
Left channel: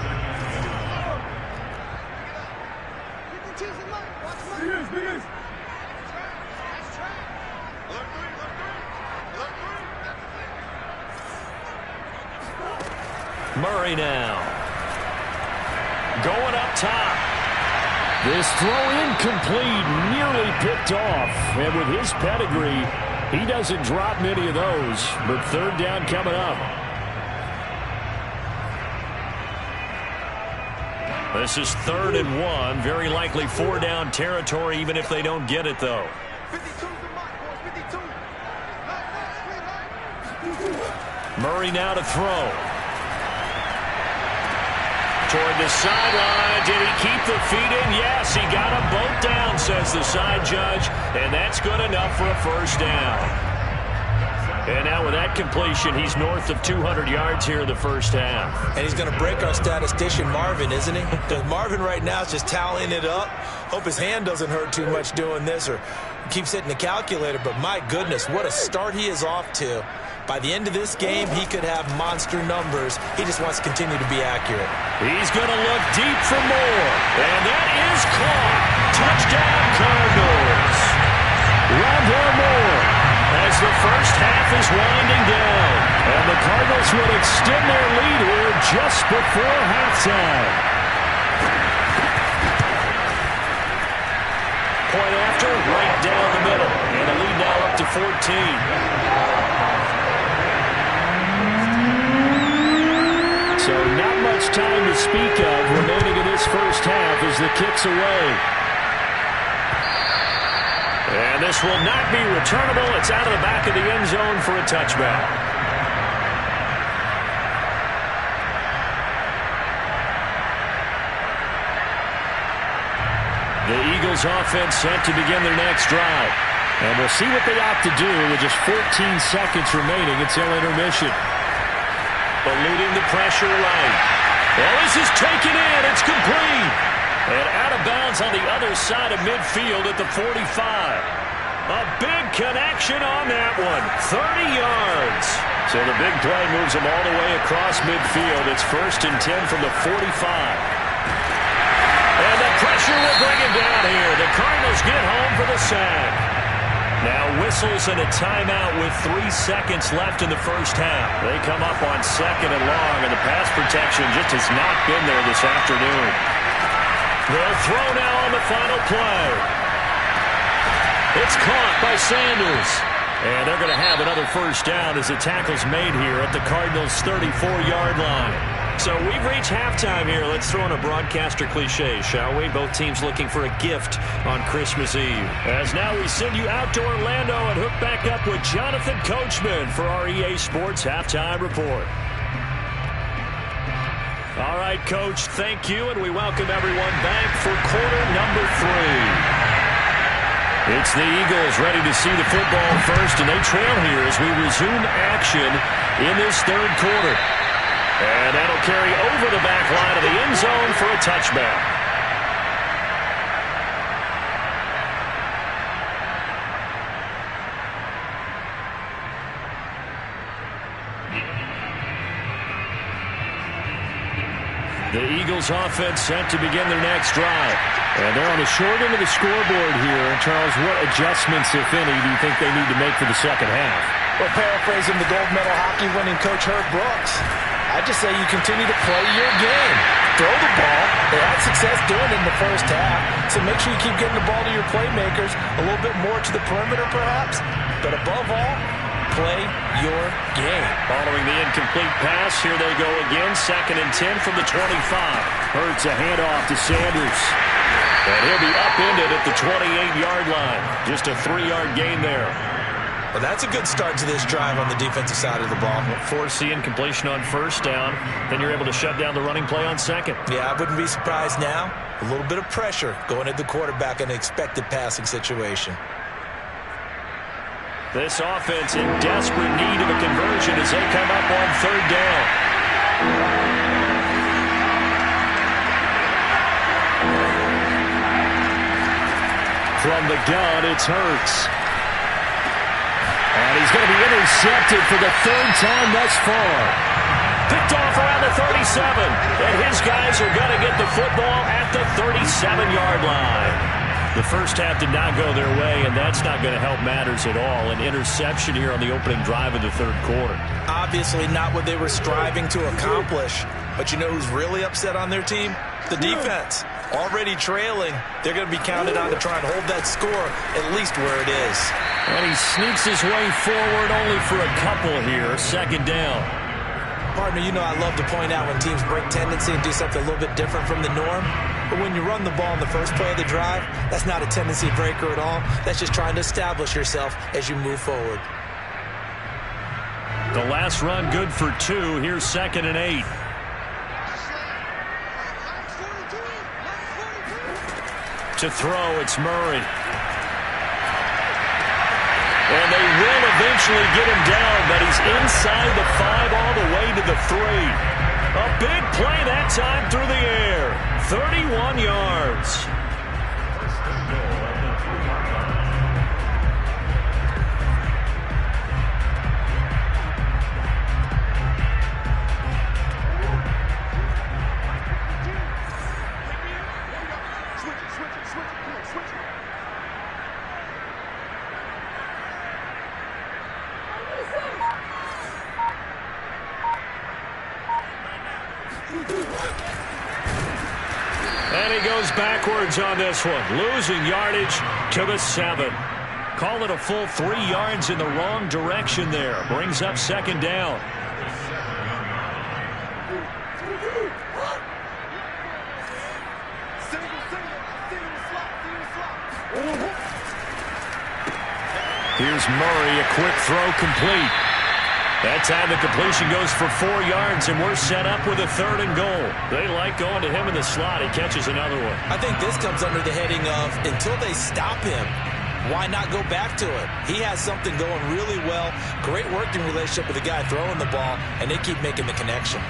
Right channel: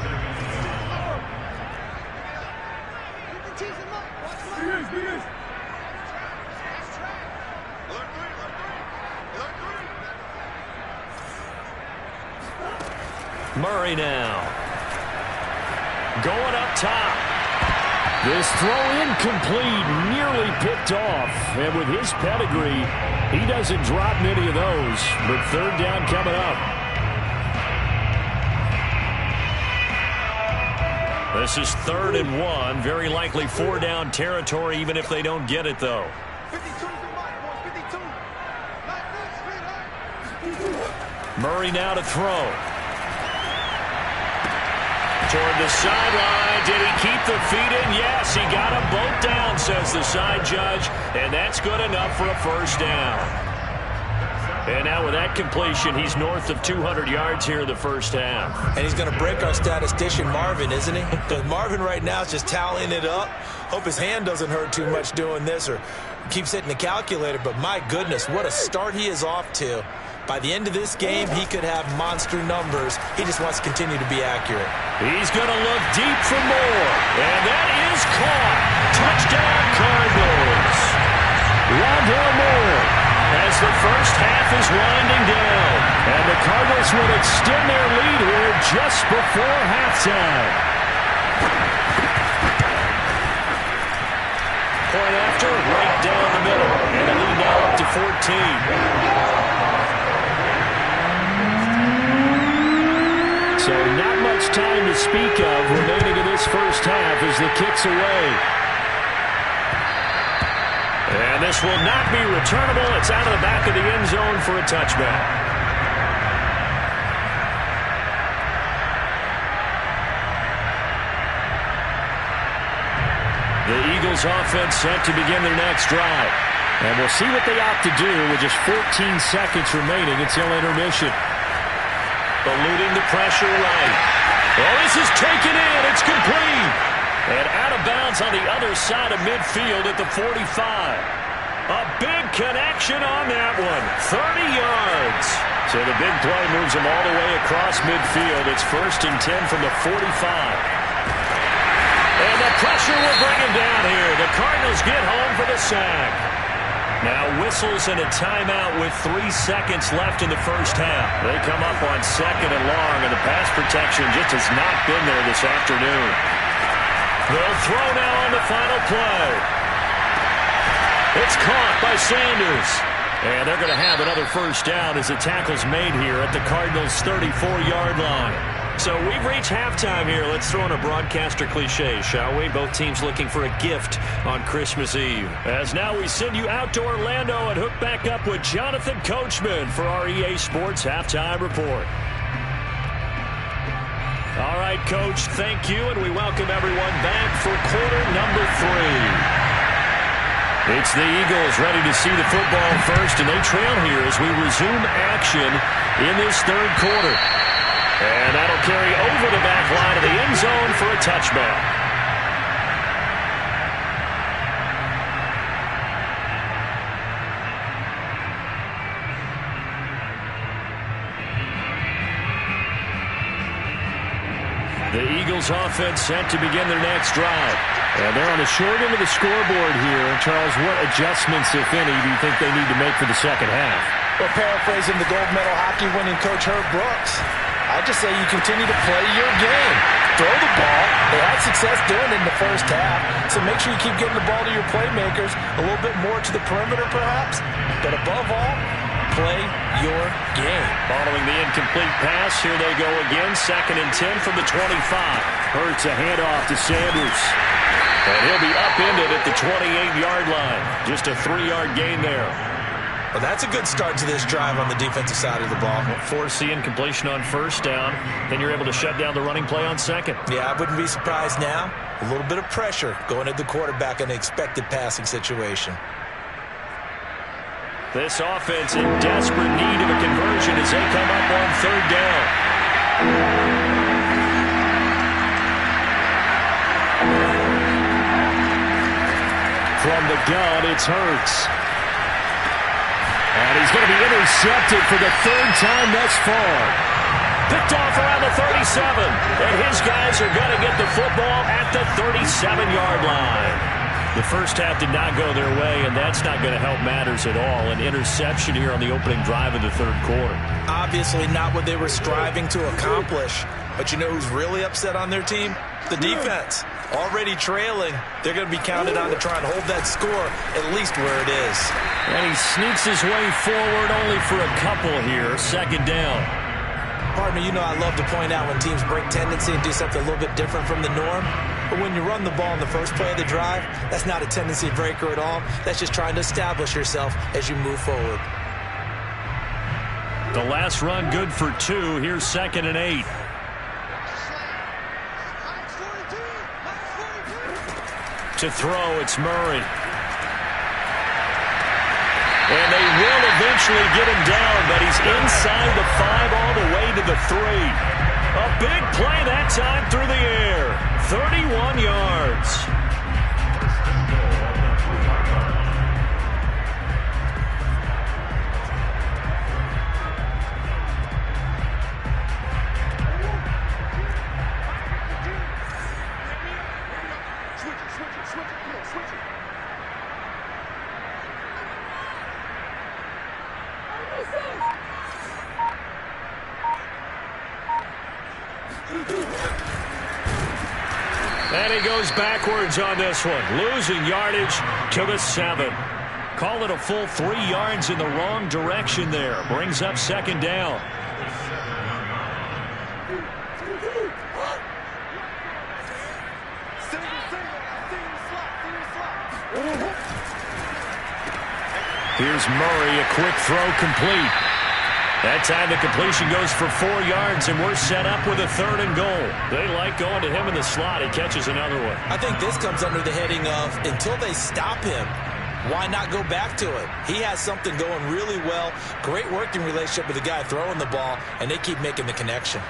Murray now. Going up top. This throw incomplete, nearly picked off. And with his pedigree, he doesn't drop many of those. But 3rd down coming up. This is 3rd and 1. Very likely 4-down territory, even if they don't get it, though. 52's the mark, boys. 52. Murray now to throw. Toward the sideline. Did he keep the feet in? Yes, he got them both down, says the side judge. And that's good enough for a 1st down. And now with that completion, he's north of 200 yards here in the first half. And he's going to break our statistician, Marvin, isn't he? Because Marvin right now is just tallying it up. Hope his hand doesn't hurt too much doing this or keeps hitting the calculator. But my goodness, what a start he is off to. By the end of this game, he could have monster numbers. He just wants to continue to be accurate. He's going to look deep for more. And that is caught. Touchdown, Cardinals. Rondale Moore as the first half is winding down. And the Cardinals would extend their lead here just before halftime. Point after, right down the middle. And the lead now up to 14. So not much time to speak of remaining in this first half as the kick's away. And this will not be returnable. It's out of the back of the end zone for a touchback. The Eagles offense set to begin their next drive. And we'll see what they opt to do with just 14 seconds remaining until intermission. Eluding the pressure right. Well, this is taken in. It's complete. And out of bounds on the other side of midfield at the 45. A big connection on that one. 30 yards. So the big play moves them all the way across midfield. It's 1st and 10 from the 45. And the pressure will bring him down here. The Cardinals get home for the sack. Now whistles and a timeout with 3 seconds left in the first half. They come up on 2nd and long, and the pass protection just has not been there this afternoon. They'll throw now on the final play. It's caught by Sanders. And they're going to have another first down as the tackle's made here at the Cardinals' 34-yard line. So we've reached halftime here. Let's throw in a broadcaster cliche, shall we? Both teams looking for a gift on Christmas Eve. As now we send you out to Orlando and hook back up with Jonathan Coachman for our EA Sports Halftime Report. All right, Coach, thank you, and we welcome everyone back for quarter number 3. It's the Eagles ready to see the football first, and they trail here as we resume action in this third quarter. And that'll carry over the back line of the end zone for a touchback. The Eagles offense set to begin their next drive. And they're on the short end of the scoreboard here. And Charles, what adjustments, if any, do you think they need to make for the second half? Well, paraphrasing the gold medal hockey winning coach Herb Brooks, I just say you continue to play your game. Throw the ball. They had success doing it in the first half. So make sure you keep getting the ball to your playmakers, a little bit more to the perimeter perhaps. But above all, play your game. Following the incomplete pass, here they go again. 2nd and 10 from the 25. Hurts a handoff to Sanders. And he'll be upended at the 28-yard line. Just a 3-yard gain there. Well, that's a good start to this drive on the defensive side of the ball. Force the incompletion on first down. Then you're able to shut down the running play on second. Yeah, I wouldn't be surprised now. A little bit of pressure going at the quarterback in an expected passing situation. This offense in desperate need of a conversion as they come up on 3rd down. From the gun, it's Hurts. And he's going to be intercepted for the 3rd time thus far. Picked off around the 37. And his guys are going to get the football at the 37-yard line. The first half did not go their way, and that's not going to help matters at all. An interception here on the opening drive of the third quarter. Obviously not what they were striving to accomplish. But you know who's really upset on their team? The defense. Already trailing, they're going to be counted on to try and hold that score at least where it is. And he sneaks his way forward only for a couple here. 2nd down. Partner, you know I love to point out when teams break tendency and do something a little bit different from the norm. But when you run the ball in the first play of the drive, that's not a tendency breaker at all. That's just trying to establish yourself as you move forward. The last run good for 2. Here's 2nd and 8. To throw, it's Murray. And they will eventually get him down, but he's inside the 5 all the way to the 3. A big play that time through the air. 31 yards. And he goes backwards on this one, losing yardage to the 7. Call it a full 3 yards in the wrong direction there. Brings up 2nd down. Here's Murray, a quick throw complete. That time the completion goes for 4 yards, and we're set up with a 3rd and goal. They like going to him in the slot. He catches another one. I think this comes under the heading of until they stop him, why not go back to it? He has something going really well, great working relationship with the guy throwing the ball, and they keep making the connection.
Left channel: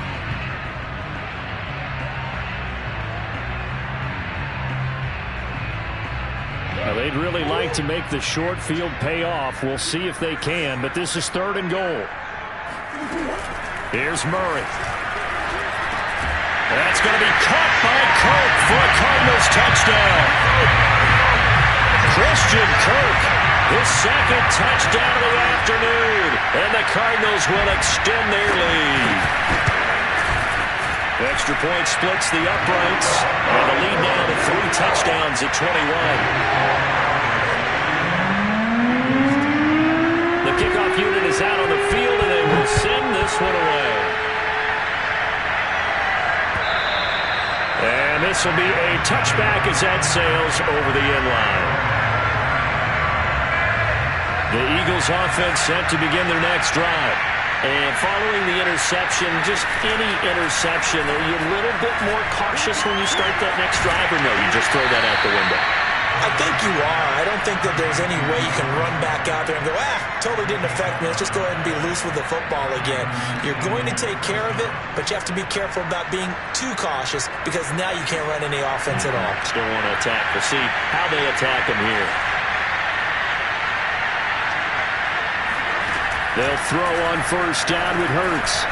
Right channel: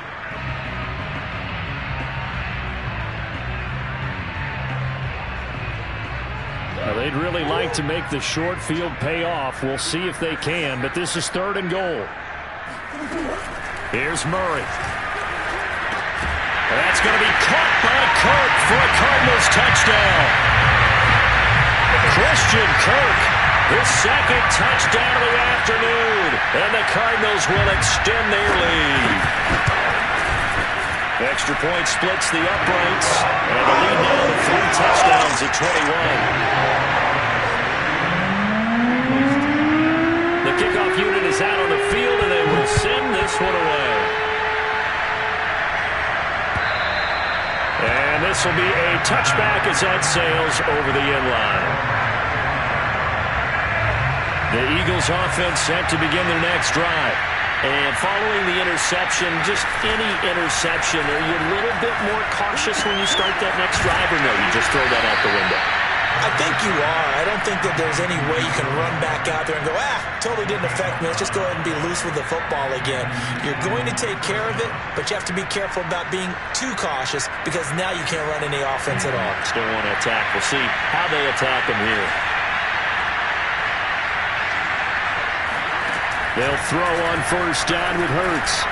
Now, they'd really like to make the short field pay off. We'll see if they can, but this is 3rd and goal. Here's Murray. That's going to be caught by Kirk for a Cardinals touchdown. Christian Kirk, his 2nd touchdown of the afternoon, and the Cardinals will extend their lead. The extra point splits the uprights, and the lead now to 3 touchdowns at 21. The kickoff unit is out on the field, and they will send this one away. And this will be a touchback as that sails over the end line. The Eagles offense set to begin their next drive. And following the interception, just any interception, are you a little bit more cautious when you start that next drive, or no, you just throw that out the window? I think you are. I don't think that there's any way you can run back out there and go, totally didn't affect me. Let's just go ahead and be loose with the football again. You're going to take care of it, but you have to be careful about being too cautious because now you can't run any offense at all. Still want to attack. We'll see how they attack him here. They'll throw on 1st down with Hurts.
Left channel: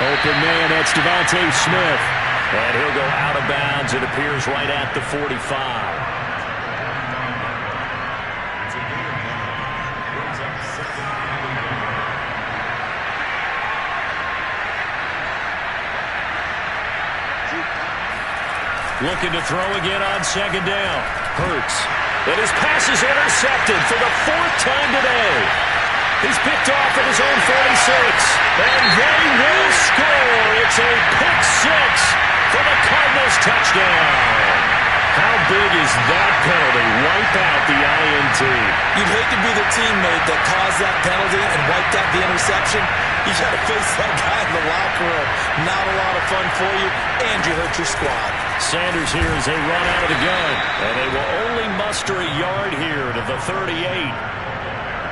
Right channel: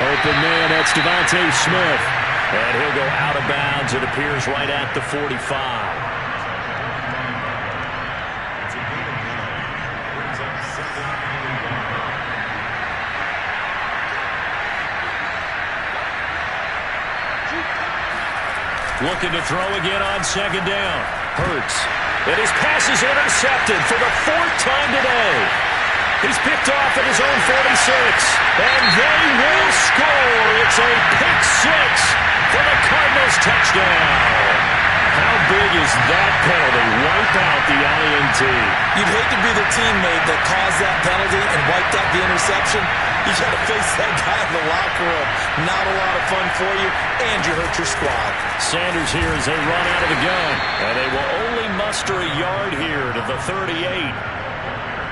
Open man, that's Devontae Smith. And he'll go out of bounds. It appears right at the 45. Looking to throw again on 2nd down. Hurts. And his pass is intercepted for the 4th time today. He's picked off at his own 46. And they will score. It's a pick 6 for the Cardinals touchdown. How big is that penalty? Wipe out the INT. You'd hate to be the teammate that caused that penalty and wiped out the interception. You got to face that guy in the locker room. Not a lot of fun for you, and you hurt your squad. Sanders here as they run out of the gun. And they will only muster a yard here to the 38.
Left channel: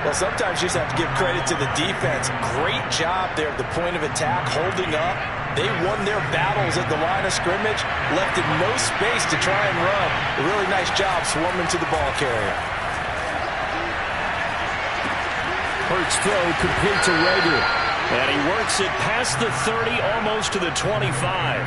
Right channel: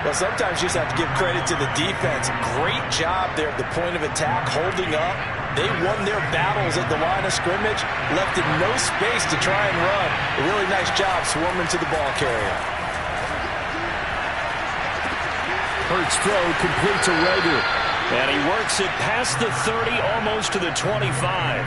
Well, sometimes you just have to give credit to the defense. Great job there at the point of attack, holding up. They won their battles at the line of scrimmage, left in no space to try and run. A really nice job swarming to the ball carrier. Hurts throw complete to Rager. And he works it past the 30, almost to the 25.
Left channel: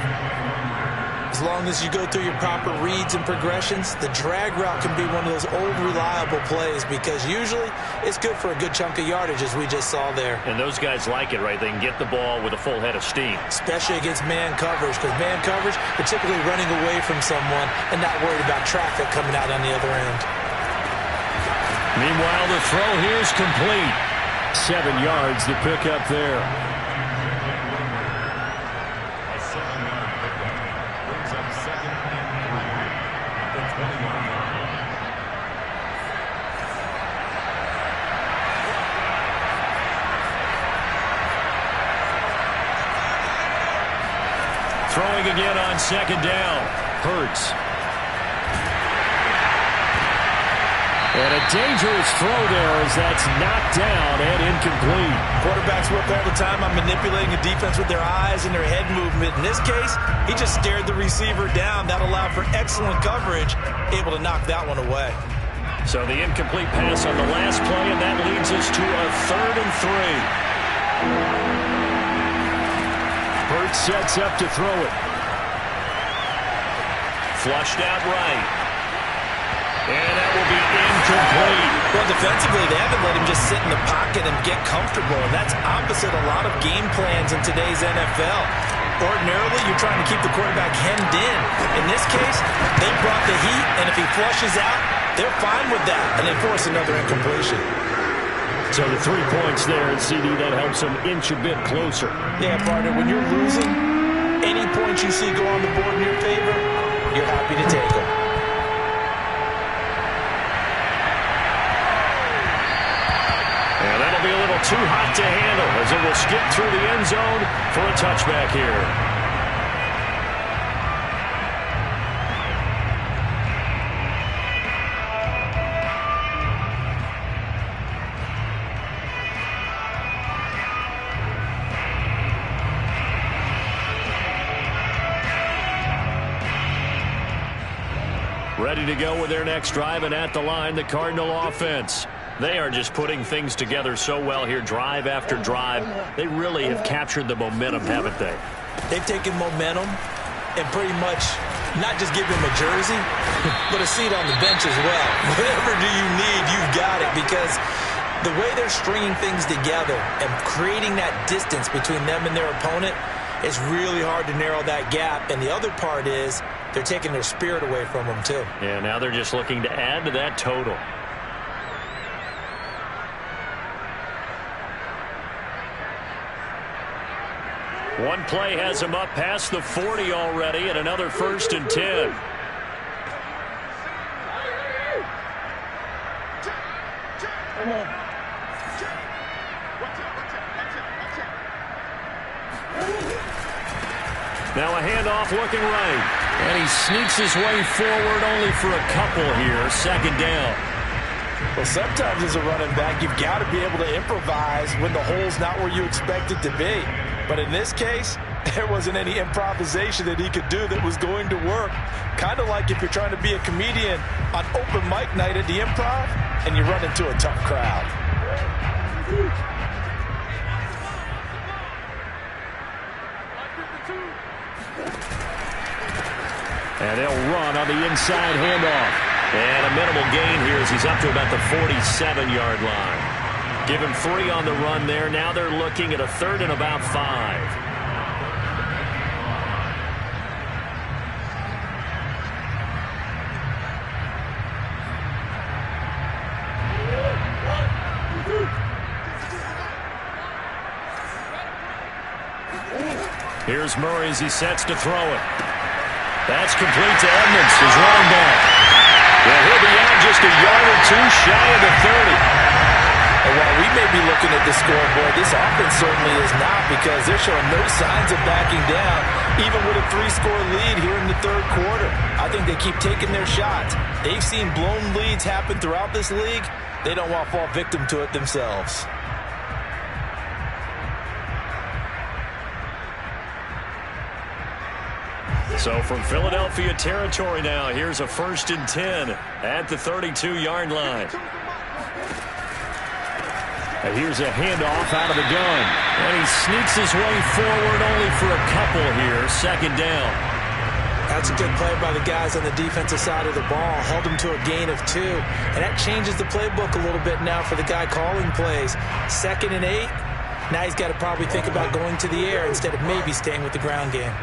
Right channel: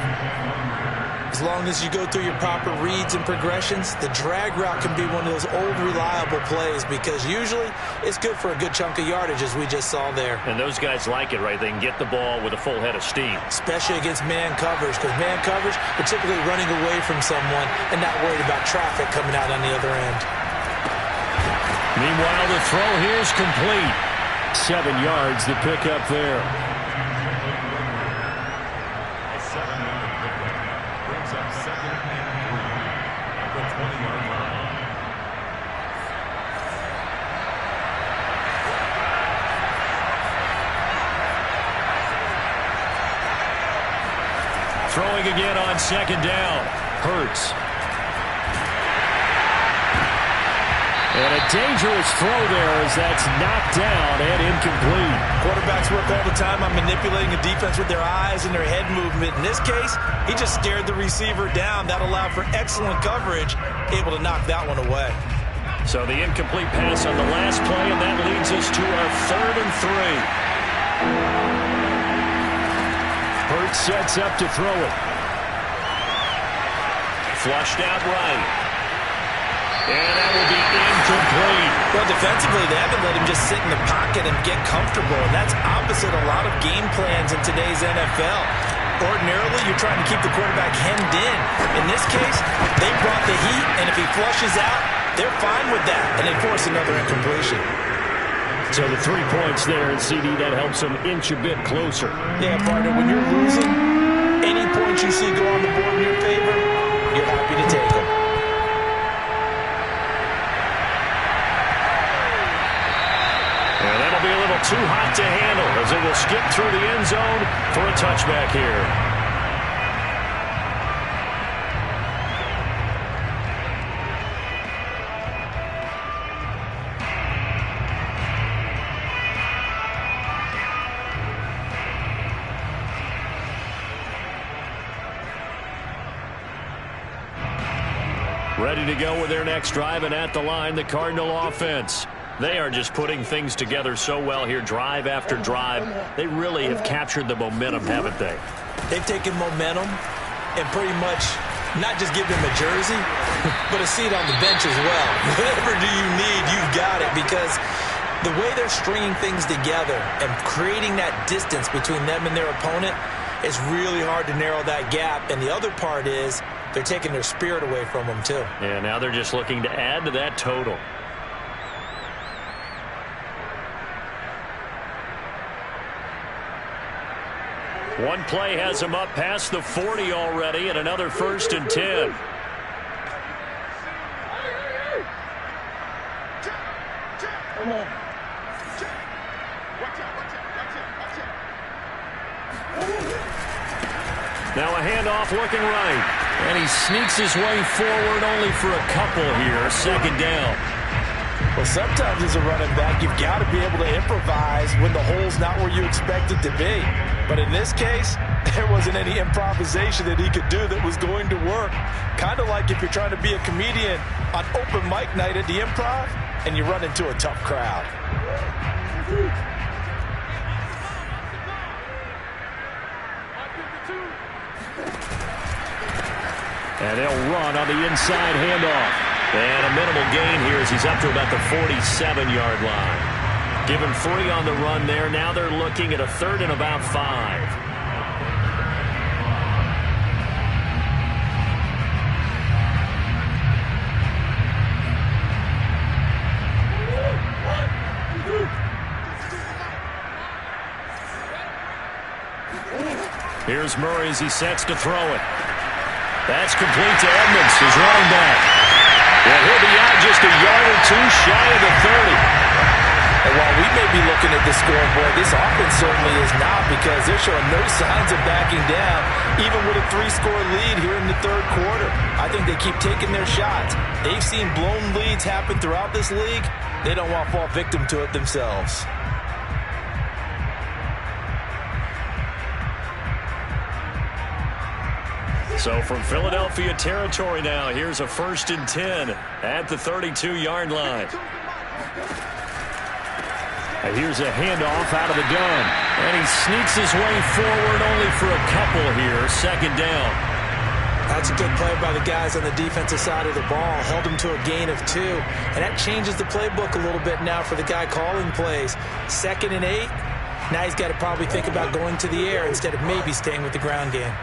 As long as you go through your proper reads and progressions, the drag route can be one of those old reliable plays because usually it's good for a good chunk of yardage, as we just saw there. And those guys like it, right? They can get the ball with a full head of steam. Especially against man coverage, because man coverage, they're typically running away from someone and not worried about traffic coming out on the other end. Meanwhile, the throw here is complete. 7 yards, the pickup there. A 7-yard pickup brings up 2nd and 3 at the 20-yard line. Throwing again on 2nd down. Hurts. And a dangerous throw there as that's knocked down and incomplete. Quarterbacks work all the time on manipulating a defense with their eyes and their head movement. In this case, he just stared the receiver down. That allowed for excellent coverage, able to knock that one away. So the incomplete pass on the last play, and that leads us to a 3rd and 3. Hurts sets up to throw it. Flushed out right. And that will be incomplete. Well, defensively, they haven't let him just sit in the pocket and get comfortable, and that's opposite a lot of game plans in today's NFL. Ordinarily, you're trying to keep the quarterback hemmed in. In this case, they brought the heat, and if he flushes out, they're fine with that, and they force another incompletion. So the 3 points there, and CD, that helps them inch a bit closer. Yeah, partner, when you're losing, any points you see go on the board in your favor, you're happy to take them. And that'll be a little too hot to handle as it will skip through the end zone for a touchback here. Ready to go with their next drive, and at the line, the Cardinal offense. They are just putting things together so well here, drive after drive. They really have captured the momentum, haven't they? They've taken momentum and pretty much not just give him a jersey, but a seat on the bench as well. Whatever do you need, you've got it, because the way they're stringing things together and creating that distance between them and their opponent, it's really hard to narrow that gap. And the other part is they're taking their spirit away from them, too. Yeah, now they're just looking to add to that total. One play has him up past the 40 already, and another 1st and 10. Now a handoff looking right. And he sneaks his way forward only for a couple here. 2nd down. Well, sometimes as a running back, you've got to be able to improvise when the hole's not where you expect it to be. But in this case, there wasn't any improvisation that he could do that was going to work. Kind of like if you're trying to be a comedian on open mic night at the Improv and you run into a tough crowd. And they'll run on the inside handoff. And a minimal gain here as he's up to about the 47-yard line. Give him 3 on the run there. Now they're looking at a 3rd and about 5. Here's Murray as he sets to throw it. That's complete to Edmonds, his running back. And he'll be out just a yard or 2 shy of the 30. And while we may be looking at the scoreboard, this offense certainly is not, because they're showing no signs of backing down, even with a 3-score lead here in the 3rd quarter. I think they keep taking their shots. They've seen blown leads happen throughout this league. They don't want to fall victim to it themselves. So from Philadelphia territory now, here's a 1st and 10 at the 32-yard line. And here's a handoff out of the gun. And he sneaks his way forward only for a couple here. 2nd down. That's a good play by the guys on the defensive side of the ball. Held him to a gain of 2. And that changes the playbook a little bit now for the guy calling plays. 2nd and 8. Now he's got to probably think about going to the air instead of maybe staying with the ground game.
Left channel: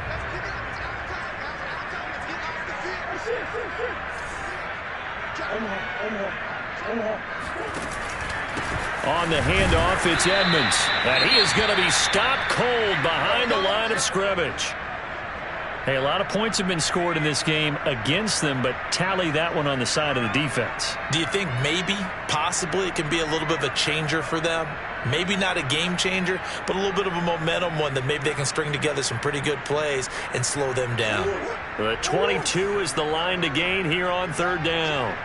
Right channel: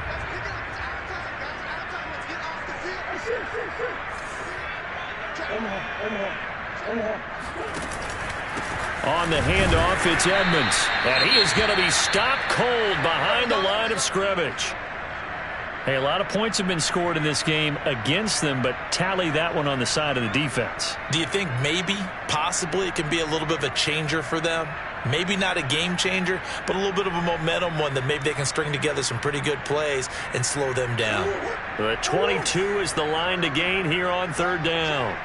On the handoff, it's Edmonds. And he is going to be stopped cold behind the line of scrimmage. Hey, a lot of points have been scored in this game against them, but tally that one on the side of the defense. Do you think maybe, possibly, it can be a little bit of a changer for them? Maybe not a game changer, but a little bit of a momentum one that maybe they can string together some pretty good plays and slow them down. The 22 is the line to gain here on 3rd down.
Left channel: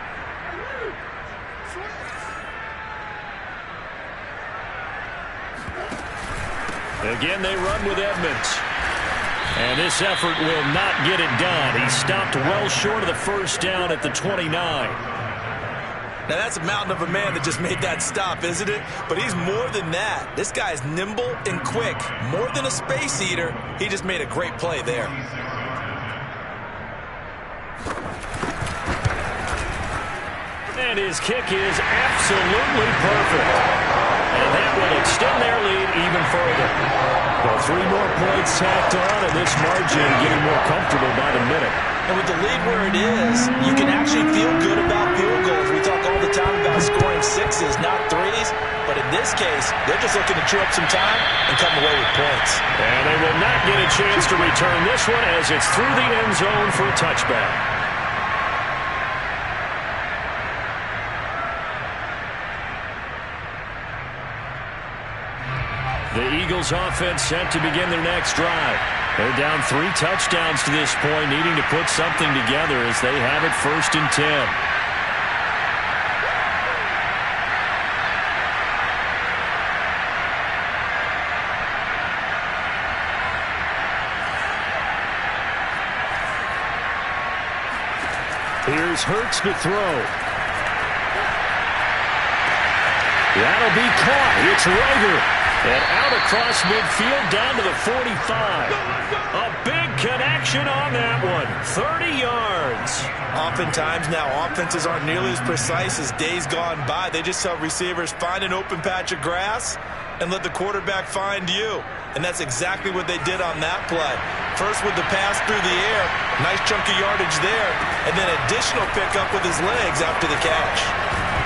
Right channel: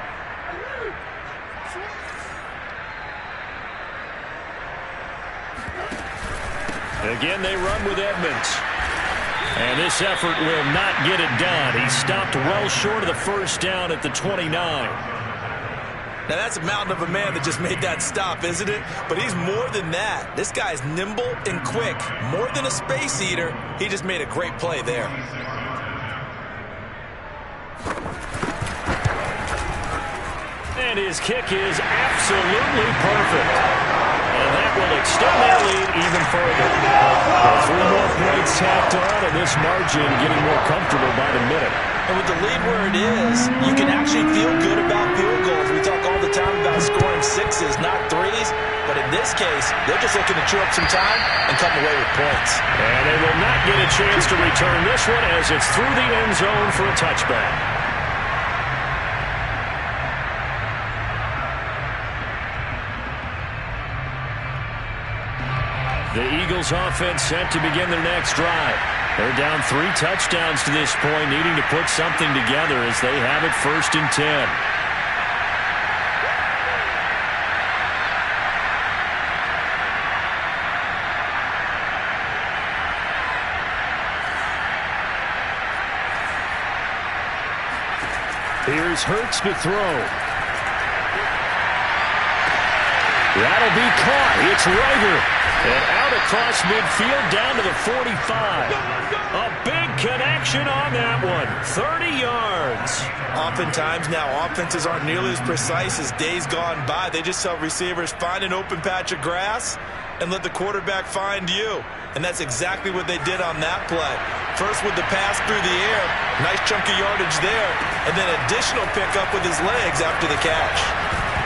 Again, they run with Edmonds. And this effort will not get it done. He stopped well short of the first down at the 29. Now, that's a mountain of a man that just made that stop, isn't it? But he's more than that. This guy's nimble and quick. More than a space eater, he just made a great play there. And his kick is absolutely perfect. And that will extend their lead even further. Well, 3 more points tacked on, and this margin getting more comfortable by the minute. And with the lead where it is, you can actually feel good about field goals. We talk all the time about scoring 6s, not 3s. But in this case, they're just looking to chew up some time and come away with points. And they will not get a chance to return this one as it's through the end zone for a touchback. The Eagles offense set to begin their next drive. They're down 3 touchdowns to this point, needing to put something together as they have it 1st and 10. Here's Hurts to throw. That'll be caught. It's Reagor. And out across midfield down to the 45. A big connection on that one. 30 yards. Oftentimes now offenses aren't nearly as precise as days gone by. They just tell receivers, find an open patch of grass and let the quarterback find you. And that's exactly what they did on that play. First with the pass through the air. Nice chunk of yardage there. And then additional pickup with his legs after the catch.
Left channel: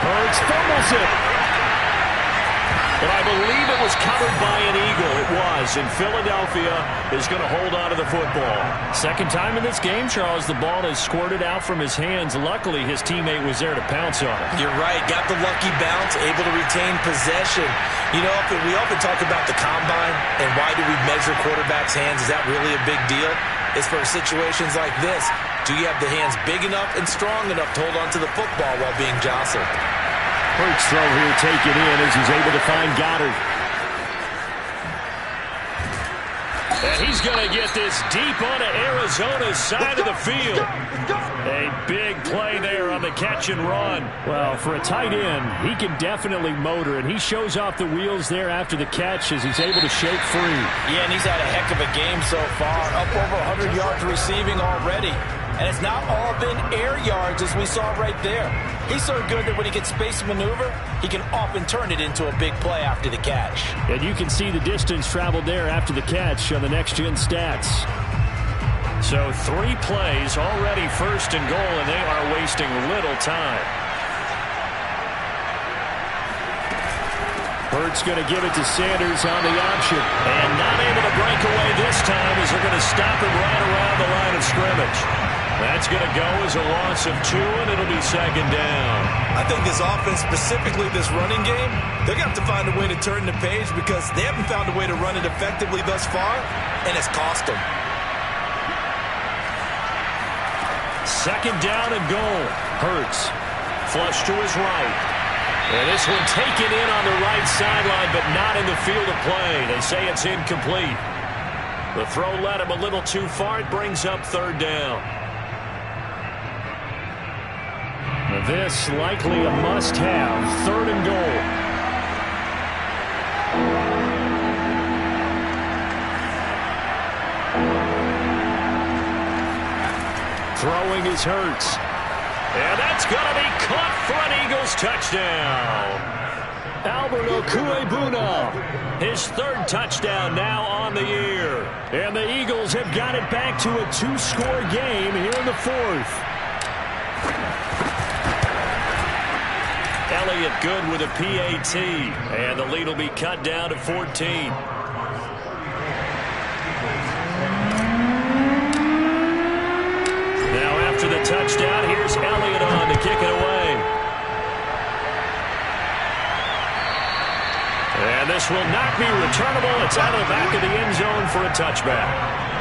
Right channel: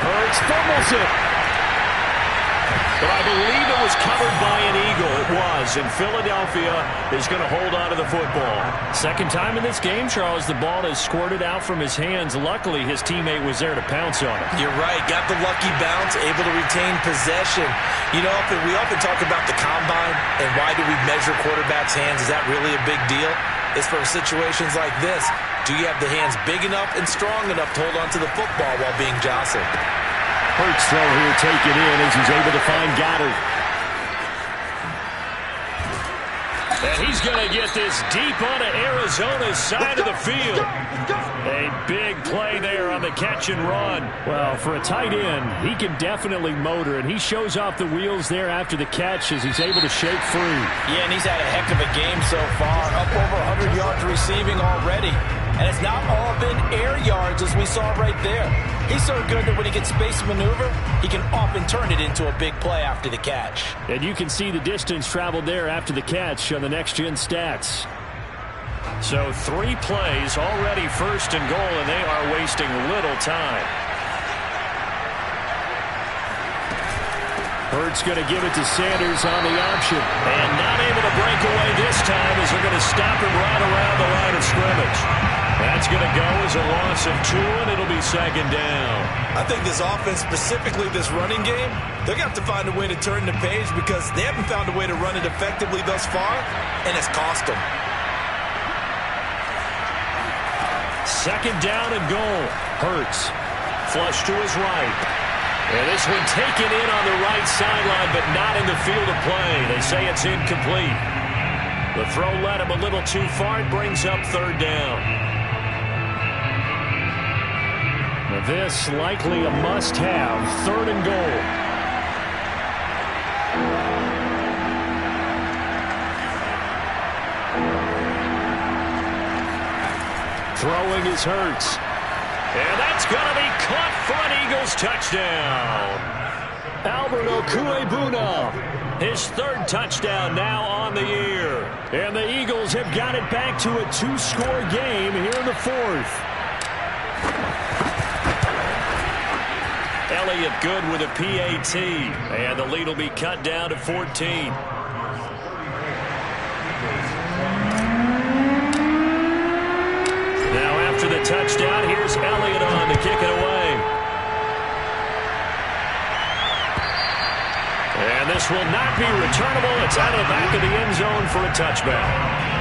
Hurts fumbles it. But I believe it was covered by an Eagle. It was. And Philadelphia is going to hold on to the football. Second time in this game, Charles, the ball has squirted out from his hands. Luckily, his teammate was there to pounce on it. You're right. Got the lucky bounce, able to retain possession. You know, we often talk about the combine and why do we measure quarterbacks' hands. Is that really a big deal? It's for situations like this. Do you have the hands big enough and strong enough to hold on to the football while being jostled? Hurts throw here, take it in as he's able to find Goddard. And he's going to get this deep onto Arizona's side of the field. A big play there on the catch and run. Well, for a tight end, he can definitely motor, and he shows off the wheels there after the catch as he's able to shake free. Yeah, and he's had a heck of a game so far. Up over 100 yards receiving already. And it's not all been air yards as we saw right there. He's so good that when he gets space maneuver, he can often turn it into a big play after the catch. And you can see the distance traveled there after the catch on the next-gen stats. So 3 plays already 1st and goal, and they are wasting little time. Hurts going to give it to Sanders on the option. And not able to break away this time as they're going to stop him right around the line of scrimmage. That's going to go as a loss of 2, and it'll be 2nd down. I think this offense, specifically this running game, they're going to have to find a way to turn the page because they haven't found a way to run it effectively thus far, and it's cost them. 2nd down and goal. Hurts. Flush to his right. And this one taken in on the right sideline, but not in the field of play. They say it's incomplete. The throw led him a little too far. It brings up 3rd down. Now this likely a must-have. 3rd and goal. Throwing is Hurts. And that's going to be caught for an Eagles touchdown. Albert Okwuegbunam. His 3rd touchdown now on the year. And the Eagles have got it back to a 2-score game here in the 4th. Elliott good with a PAT. And the lead will be cut down to 14. Now after the touchdown, here's Elliott on to kick it away. And this will not be returnable. It's out of the back of the end zone for a touchback.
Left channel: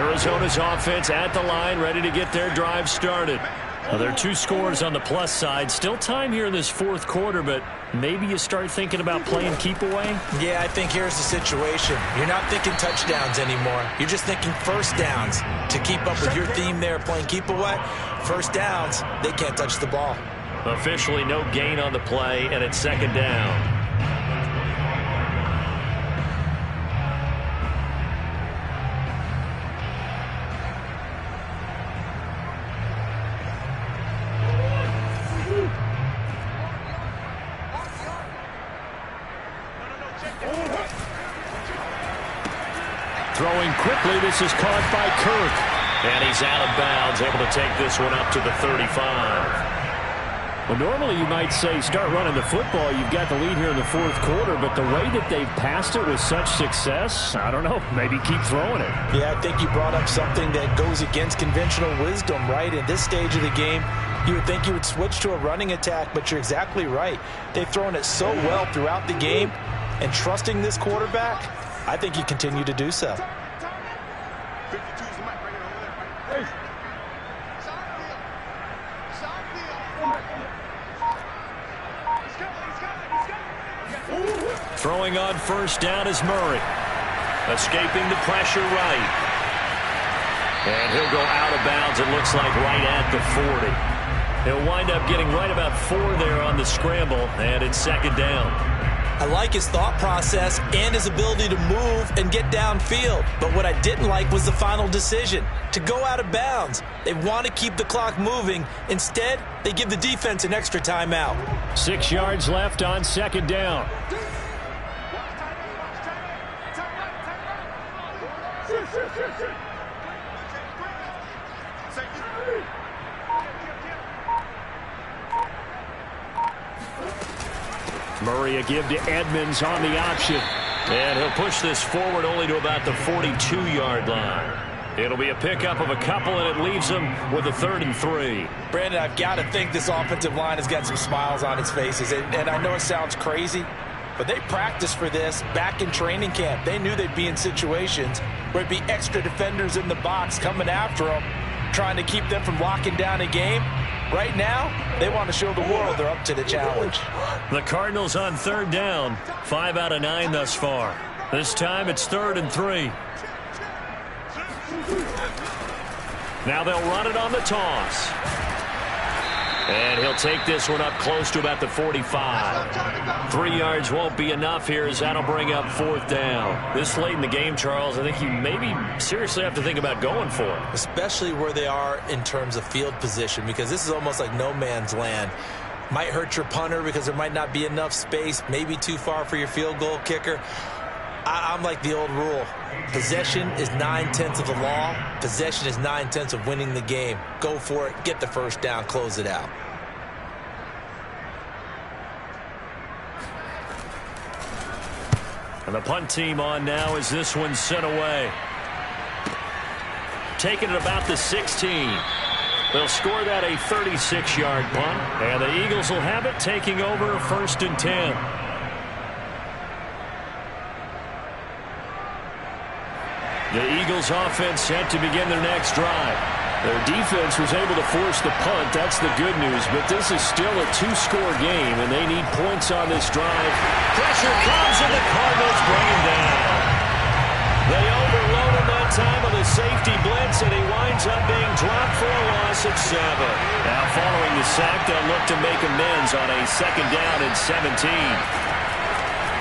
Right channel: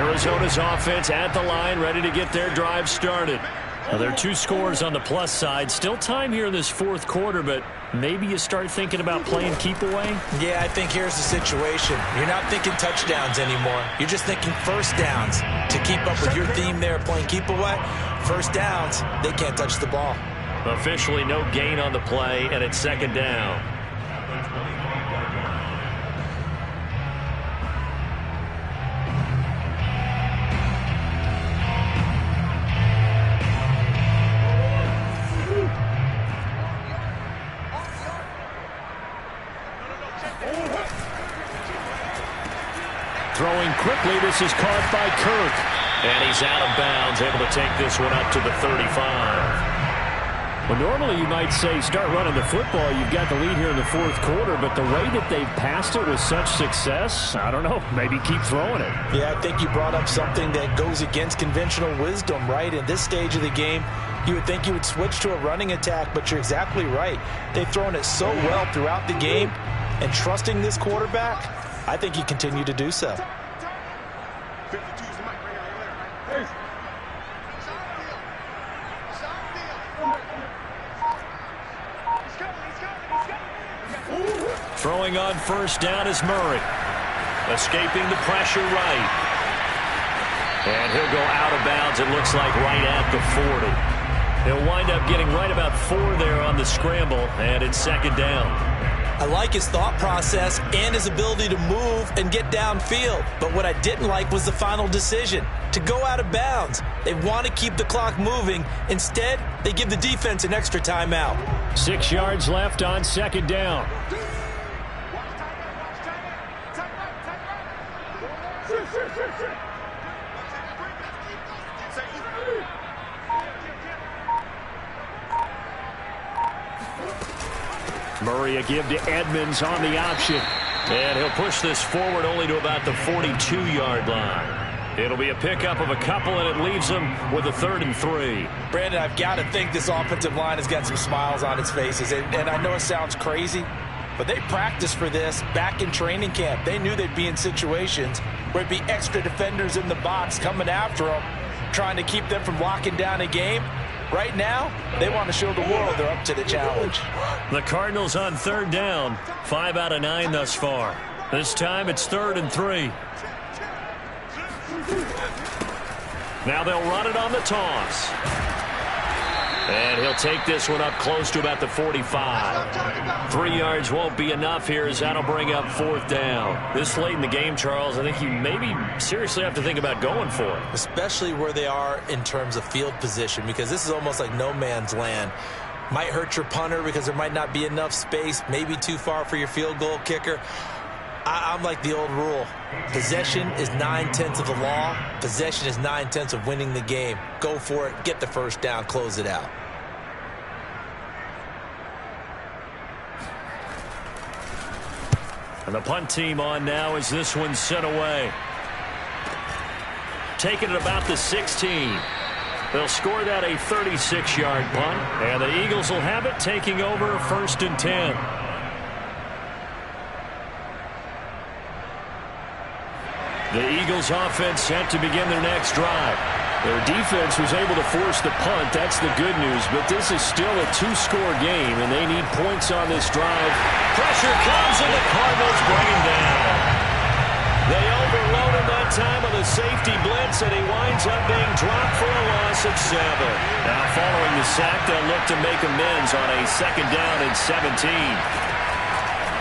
Arizona's offense at the line, ready to get their drive started. Well, there are 2 scores on the plus side. Still time here in this fourth quarter, but maybe you start thinking about playing keep away? Yeah, I think here's the situation. You're not thinking touchdowns anymore. You're just thinking first downs. To keep up with your theme there, playing keep away, first downs, they can't touch the ball. Officially no gain on the play, and it's second down. Throwing quickly, this is caught by Kirk. And he's out of bounds, able to take this one up to the 35. Well, normally you might say start running the football. You've got the lead here in the fourth quarter, but the way that they've passed it with such success, I don't know, maybe keep throwing it. Yeah, I think you brought up something that goes against conventional wisdom, right? In this stage of the game, you would think you would switch to a running attack, but you're exactly right. They've thrown it so well throughout the game, and trusting this quarterback, I think you continue to do so. 52 is the mic right here, over there, right? Hey. Throwing on first down is Murray. Escaping the pressure right. And he'll go out of bounds, it looks like, right at the 40. He'll wind up getting right about 4 there on the scramble, and it's second down. I like his thought process and his ability to move and get downfield. But what I didn't like was the final decision, to go out of bounds. They want to keep the clock moving. Instead, they give the defense an extra timeout. 6 yards left on second down. Murray a give to Edmonds on the option. And he'll push this forward only to about the 42-yard line. It'll be a pickup of a couple, and it leaves them with a 3rd and 3. Brandon, I've got to think this offensive line has got some smiles on its faces. And I know it sounds crazy, but they practiced for this back in training camp. They knew they'd be in situations where it'd be extra defenders in the box coming after them, trying to keep them from locking down a game. Right now, they want to show the world they're up to the challenge. The Cardinals on 3rd down. 5 out of 9 thus far. This time it's 3rd and 3. Now they'll run it on the toss. And he'll take this one up close to about the 45. 3 yards won't be enough here, as that'll bring up 4th down. This late in the game, Charles, I think you maybe seriously have to think about going for it. Especially where they are in terms of field position, because this is almost like no man's land. Might hurt your punter because there might not be enough space, maybe too far for your field goal kicker. I'm like the old rule. Possession is 9/10 of the law. Possession is 9/10 of winning the game. Go for it. Get the first down. Close it out. And the punt team on now as this one's sent away. Taking it about the 16. They'll score that a 36-yard punt. And the Eagles will have it, taking over 1st and 10. The Eagles offense set to begin their next drive. Their defense was able to force the punt. That's the good news. But this is still a 2-score game, and they need points on this drive. Pressure comes, and the Cardinals bring him down. They overload him that time with a safety blitz, and he winds up being dropped for a loss at 7. Now, following the sack, they'll look to make amends on a 2nd down and 17.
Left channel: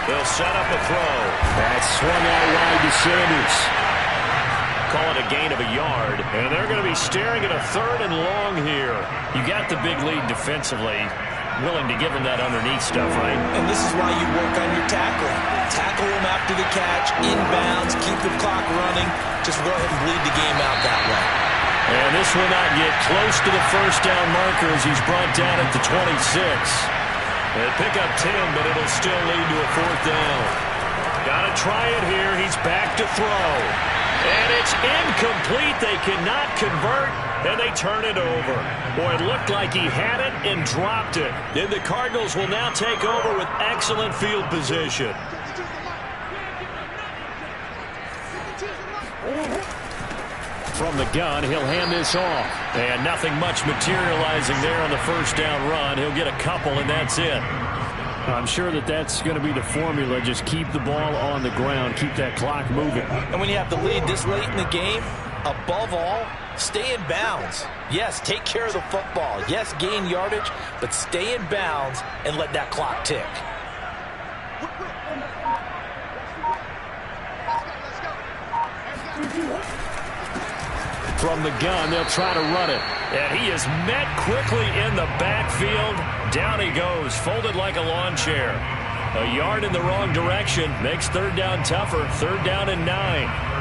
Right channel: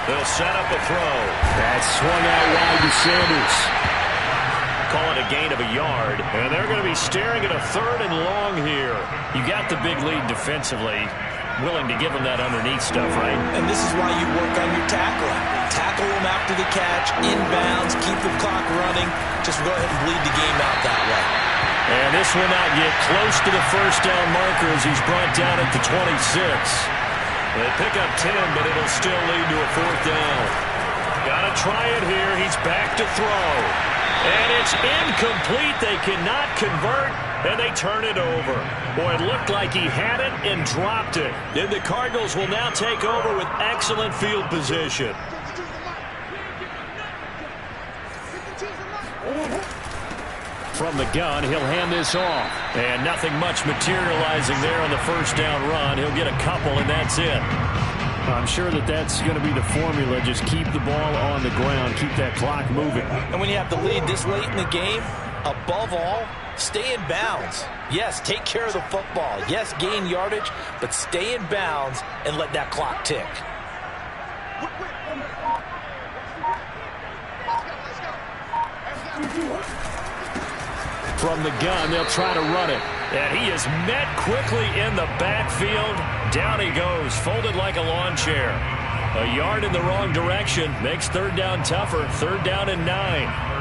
They'll set up a throw. That swung out wide to Sanders. Call it a gain of a yard, and they're going to be staring at a 3rd and long here. You got the big lead defensively, willing to give them that underneath stuff, right? And this is why you work on your tackling. Tackle them after the catch, inbounds, keep the clock running. Just go ahead and bleed the game out that way. And this will not get close to the first down marker as he's brought down at the 26. They pick up 10, but it'll still lead to a 4th down. Got to try it here. He's back to throw. And it's incomplete. They cannot convert, and they turn it over. Boy, it looked like he had it and dropped it. And the Cardinals will now take over with excellent field position. from the gun. He'll hand this off. And nothing much materializing there on the first down run. He'll get a couple, and that's it. I'm sure that's going to be the formula. Just keep the ball on the ground. Keep that clock moving. And when you have the lead this late in the game, above all, stay in bounds. Yes, take care of the football. Yes, gain yardage, but stay in bounds and let that clock tick. From the gun, they'll try to run it. And he is met quickly in the backfield. Down he goes, folded like a lawn chair. A yard in the wrong direction makes third down tougher. Third down and 9.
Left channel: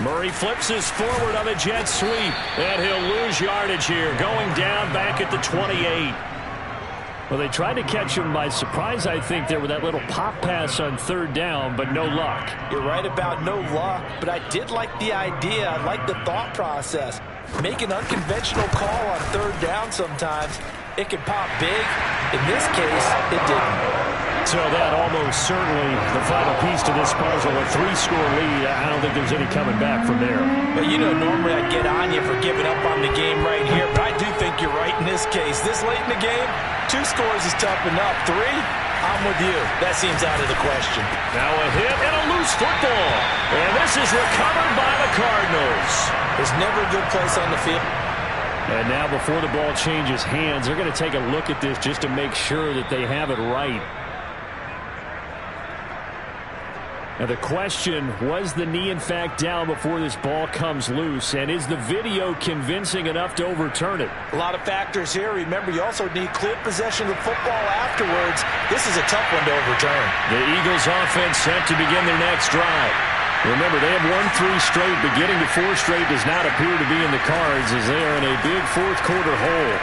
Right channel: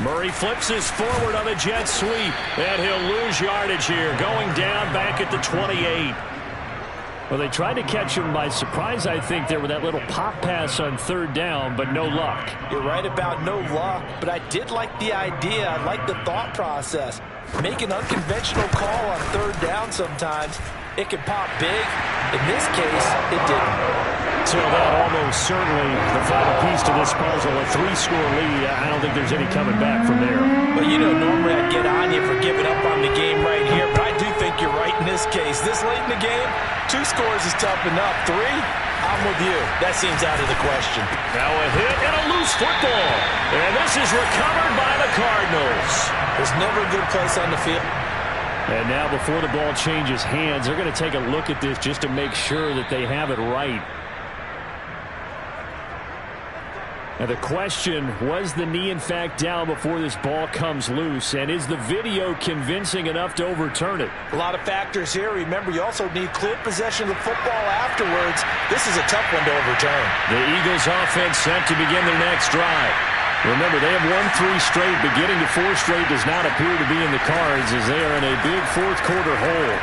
Murray flips his forward on the jet sweep, and he'll lose yardage here, going down back at the 28. Well, they tried to catch him by surprise, I think, there with that little pop pass on third down, but no luck. You're right about no luck, but I did like the idea. I like the thought process. Make an unconventional call on third down sometimes. It can pop big. In this case, it didn't. So that almost certainly the final piece to this puzzle, a 3-score lead. I don't think there's any coming back from there. But, you know, normally I'd get on you for giving up on the game right here, but I do think you're right in this case. This late in the game, 2 scores is tough enough. 3, I'm with you. That seems out of the question. Now a hit and a loose football. And this is recovered by the Cardinals. There's never a good place on the field. And now before the ball changes hands, they're going to take a look at this just to make sure that they have it right. Now the question, was the knee in fact down before this ball comes loose? And is the video convincing enough to overturn it? A lot of factors here. Remember, you also need clear possession of the football afterwards. This is a tough one to overturn. The Eagles offense set to begin their next drive. Remember, they have won 3 straight, but getting to 4 straight does not appear to be in the cards as they are in a big fourth-quarter hole.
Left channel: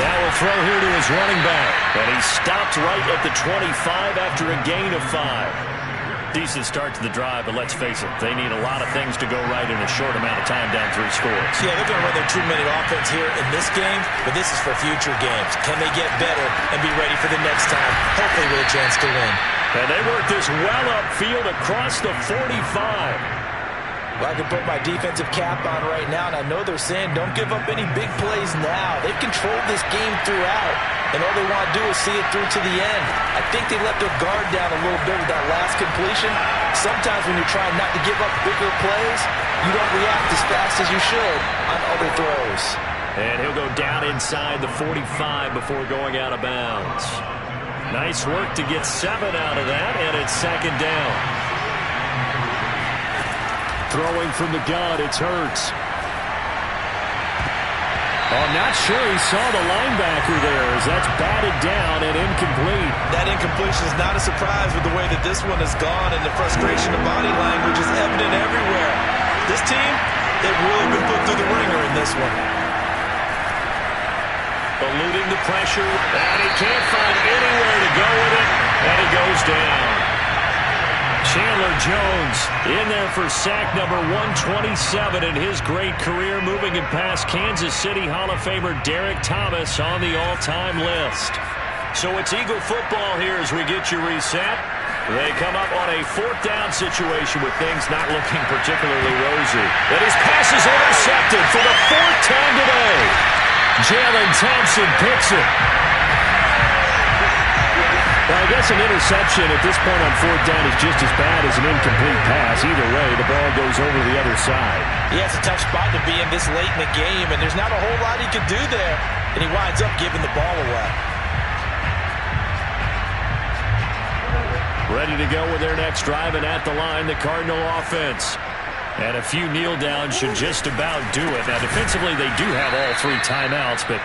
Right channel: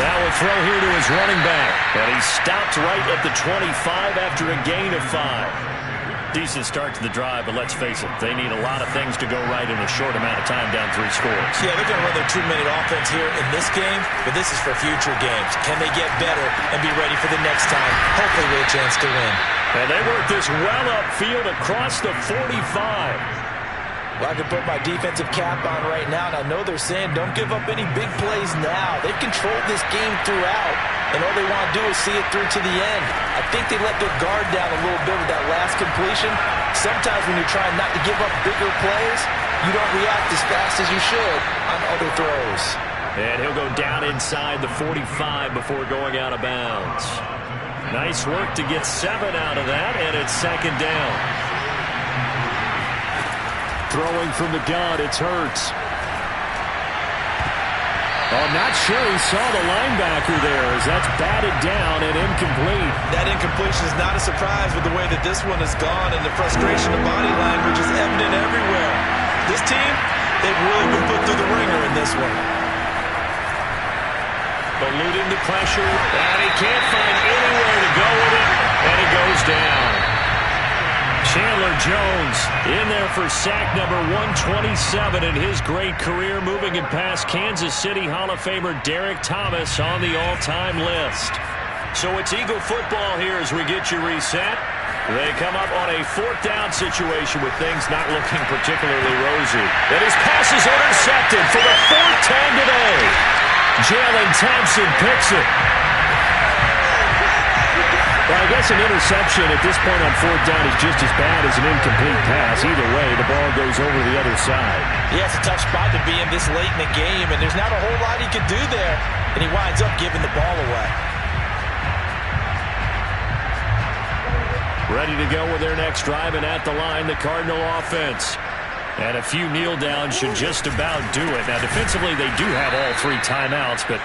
Now a throw here to his running back. And he stopped right at the 25 after a gain of 5. Decent start to the drive, but let's face it, they need a lot of things to go right in a short amount of time down 3 scores. Yeah, they're going to run their 2-minute offense here in this game, but this is for future games. Can they get better and be ready for the next time, hopefully with a chance to win? And they work this well upfield across the 45. Well, I can put my defensive cap on right now, and I know they're saying don't give up any big plays now. They've controlled this game throughout, and all they want to do is see it through to the end. I think they let their guard down a little bit with that last completion. Sometimes when you're trying not to give up bigger plays, you don't react as fast as you should on other throws. And he'll go down inside the 45 before going out of bounds. Nice work to get 7 out of that, and it's second down. Throwing from the gun, it's Hurts. Oh, not sure he saw the linebacker there as that's batted down and incomplete. That incompletion is not a surprise with the way that this one has gone, and the frustration of body language is evident everywhere. This team, they've really been put through the ringer in this one. Eluding the pressure, and he can't find anywhere to go with it, and he goes down. Chandler Jones in there for sack number 127 in his great career, moving it past Kansas City Hall of Famer Derek Thomas on the all-time list. So it's Eagle football here as we get you reset. They come up on a 4th down situation with things not looking particularly rosy. And his pass is intercepted for the 4th time today. Jalen Thompson picks it. Well, I guess an interception at this point on 4th down is just as bad as an incomplete pass. Either way, the ball goes over the other side. Yeah, it's a tough spot to be in this late in the game, and there's not a whole lot he could do there, and he winds up giving the ball away. Ready to go with their next drive, and at the line, the Cardinal offense. And a few kneel downs should just about do it. Now, defensively, they do have all 3 timeouts, but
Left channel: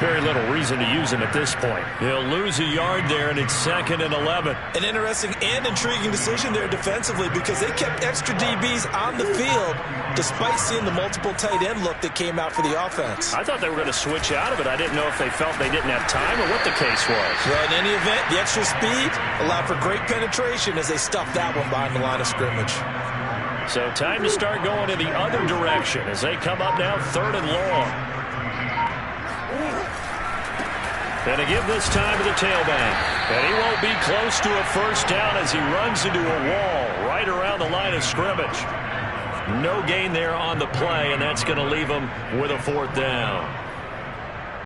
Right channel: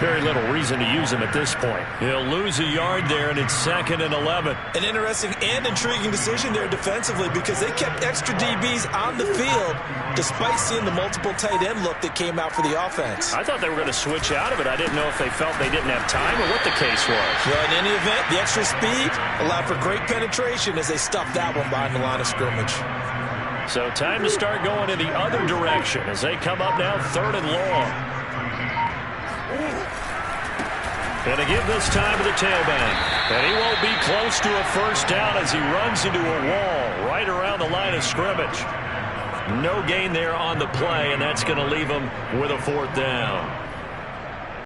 very little reason to use them at this point. He'll lose a yard there, and it's 2nd and 11. An interesting and intriguing decision there defensively because they kept extra DBs on the field despite seeing the multiple tight end look that came out for the offense. I thought they were going to switch out of it. I didn't know if they felt they didn't have time or what the case was. Well, in any event, the extra speed allowed for great penetration as they stuffed that one behind the line of scrimmage. So time to start going in the other direction as they come up now 3rd and long. And to give this time to the tailback. And he won't be close to a first down as he runs into a wall right around the line of scrimmage. No gain there on the play, and that's going to leave him with a 4th down.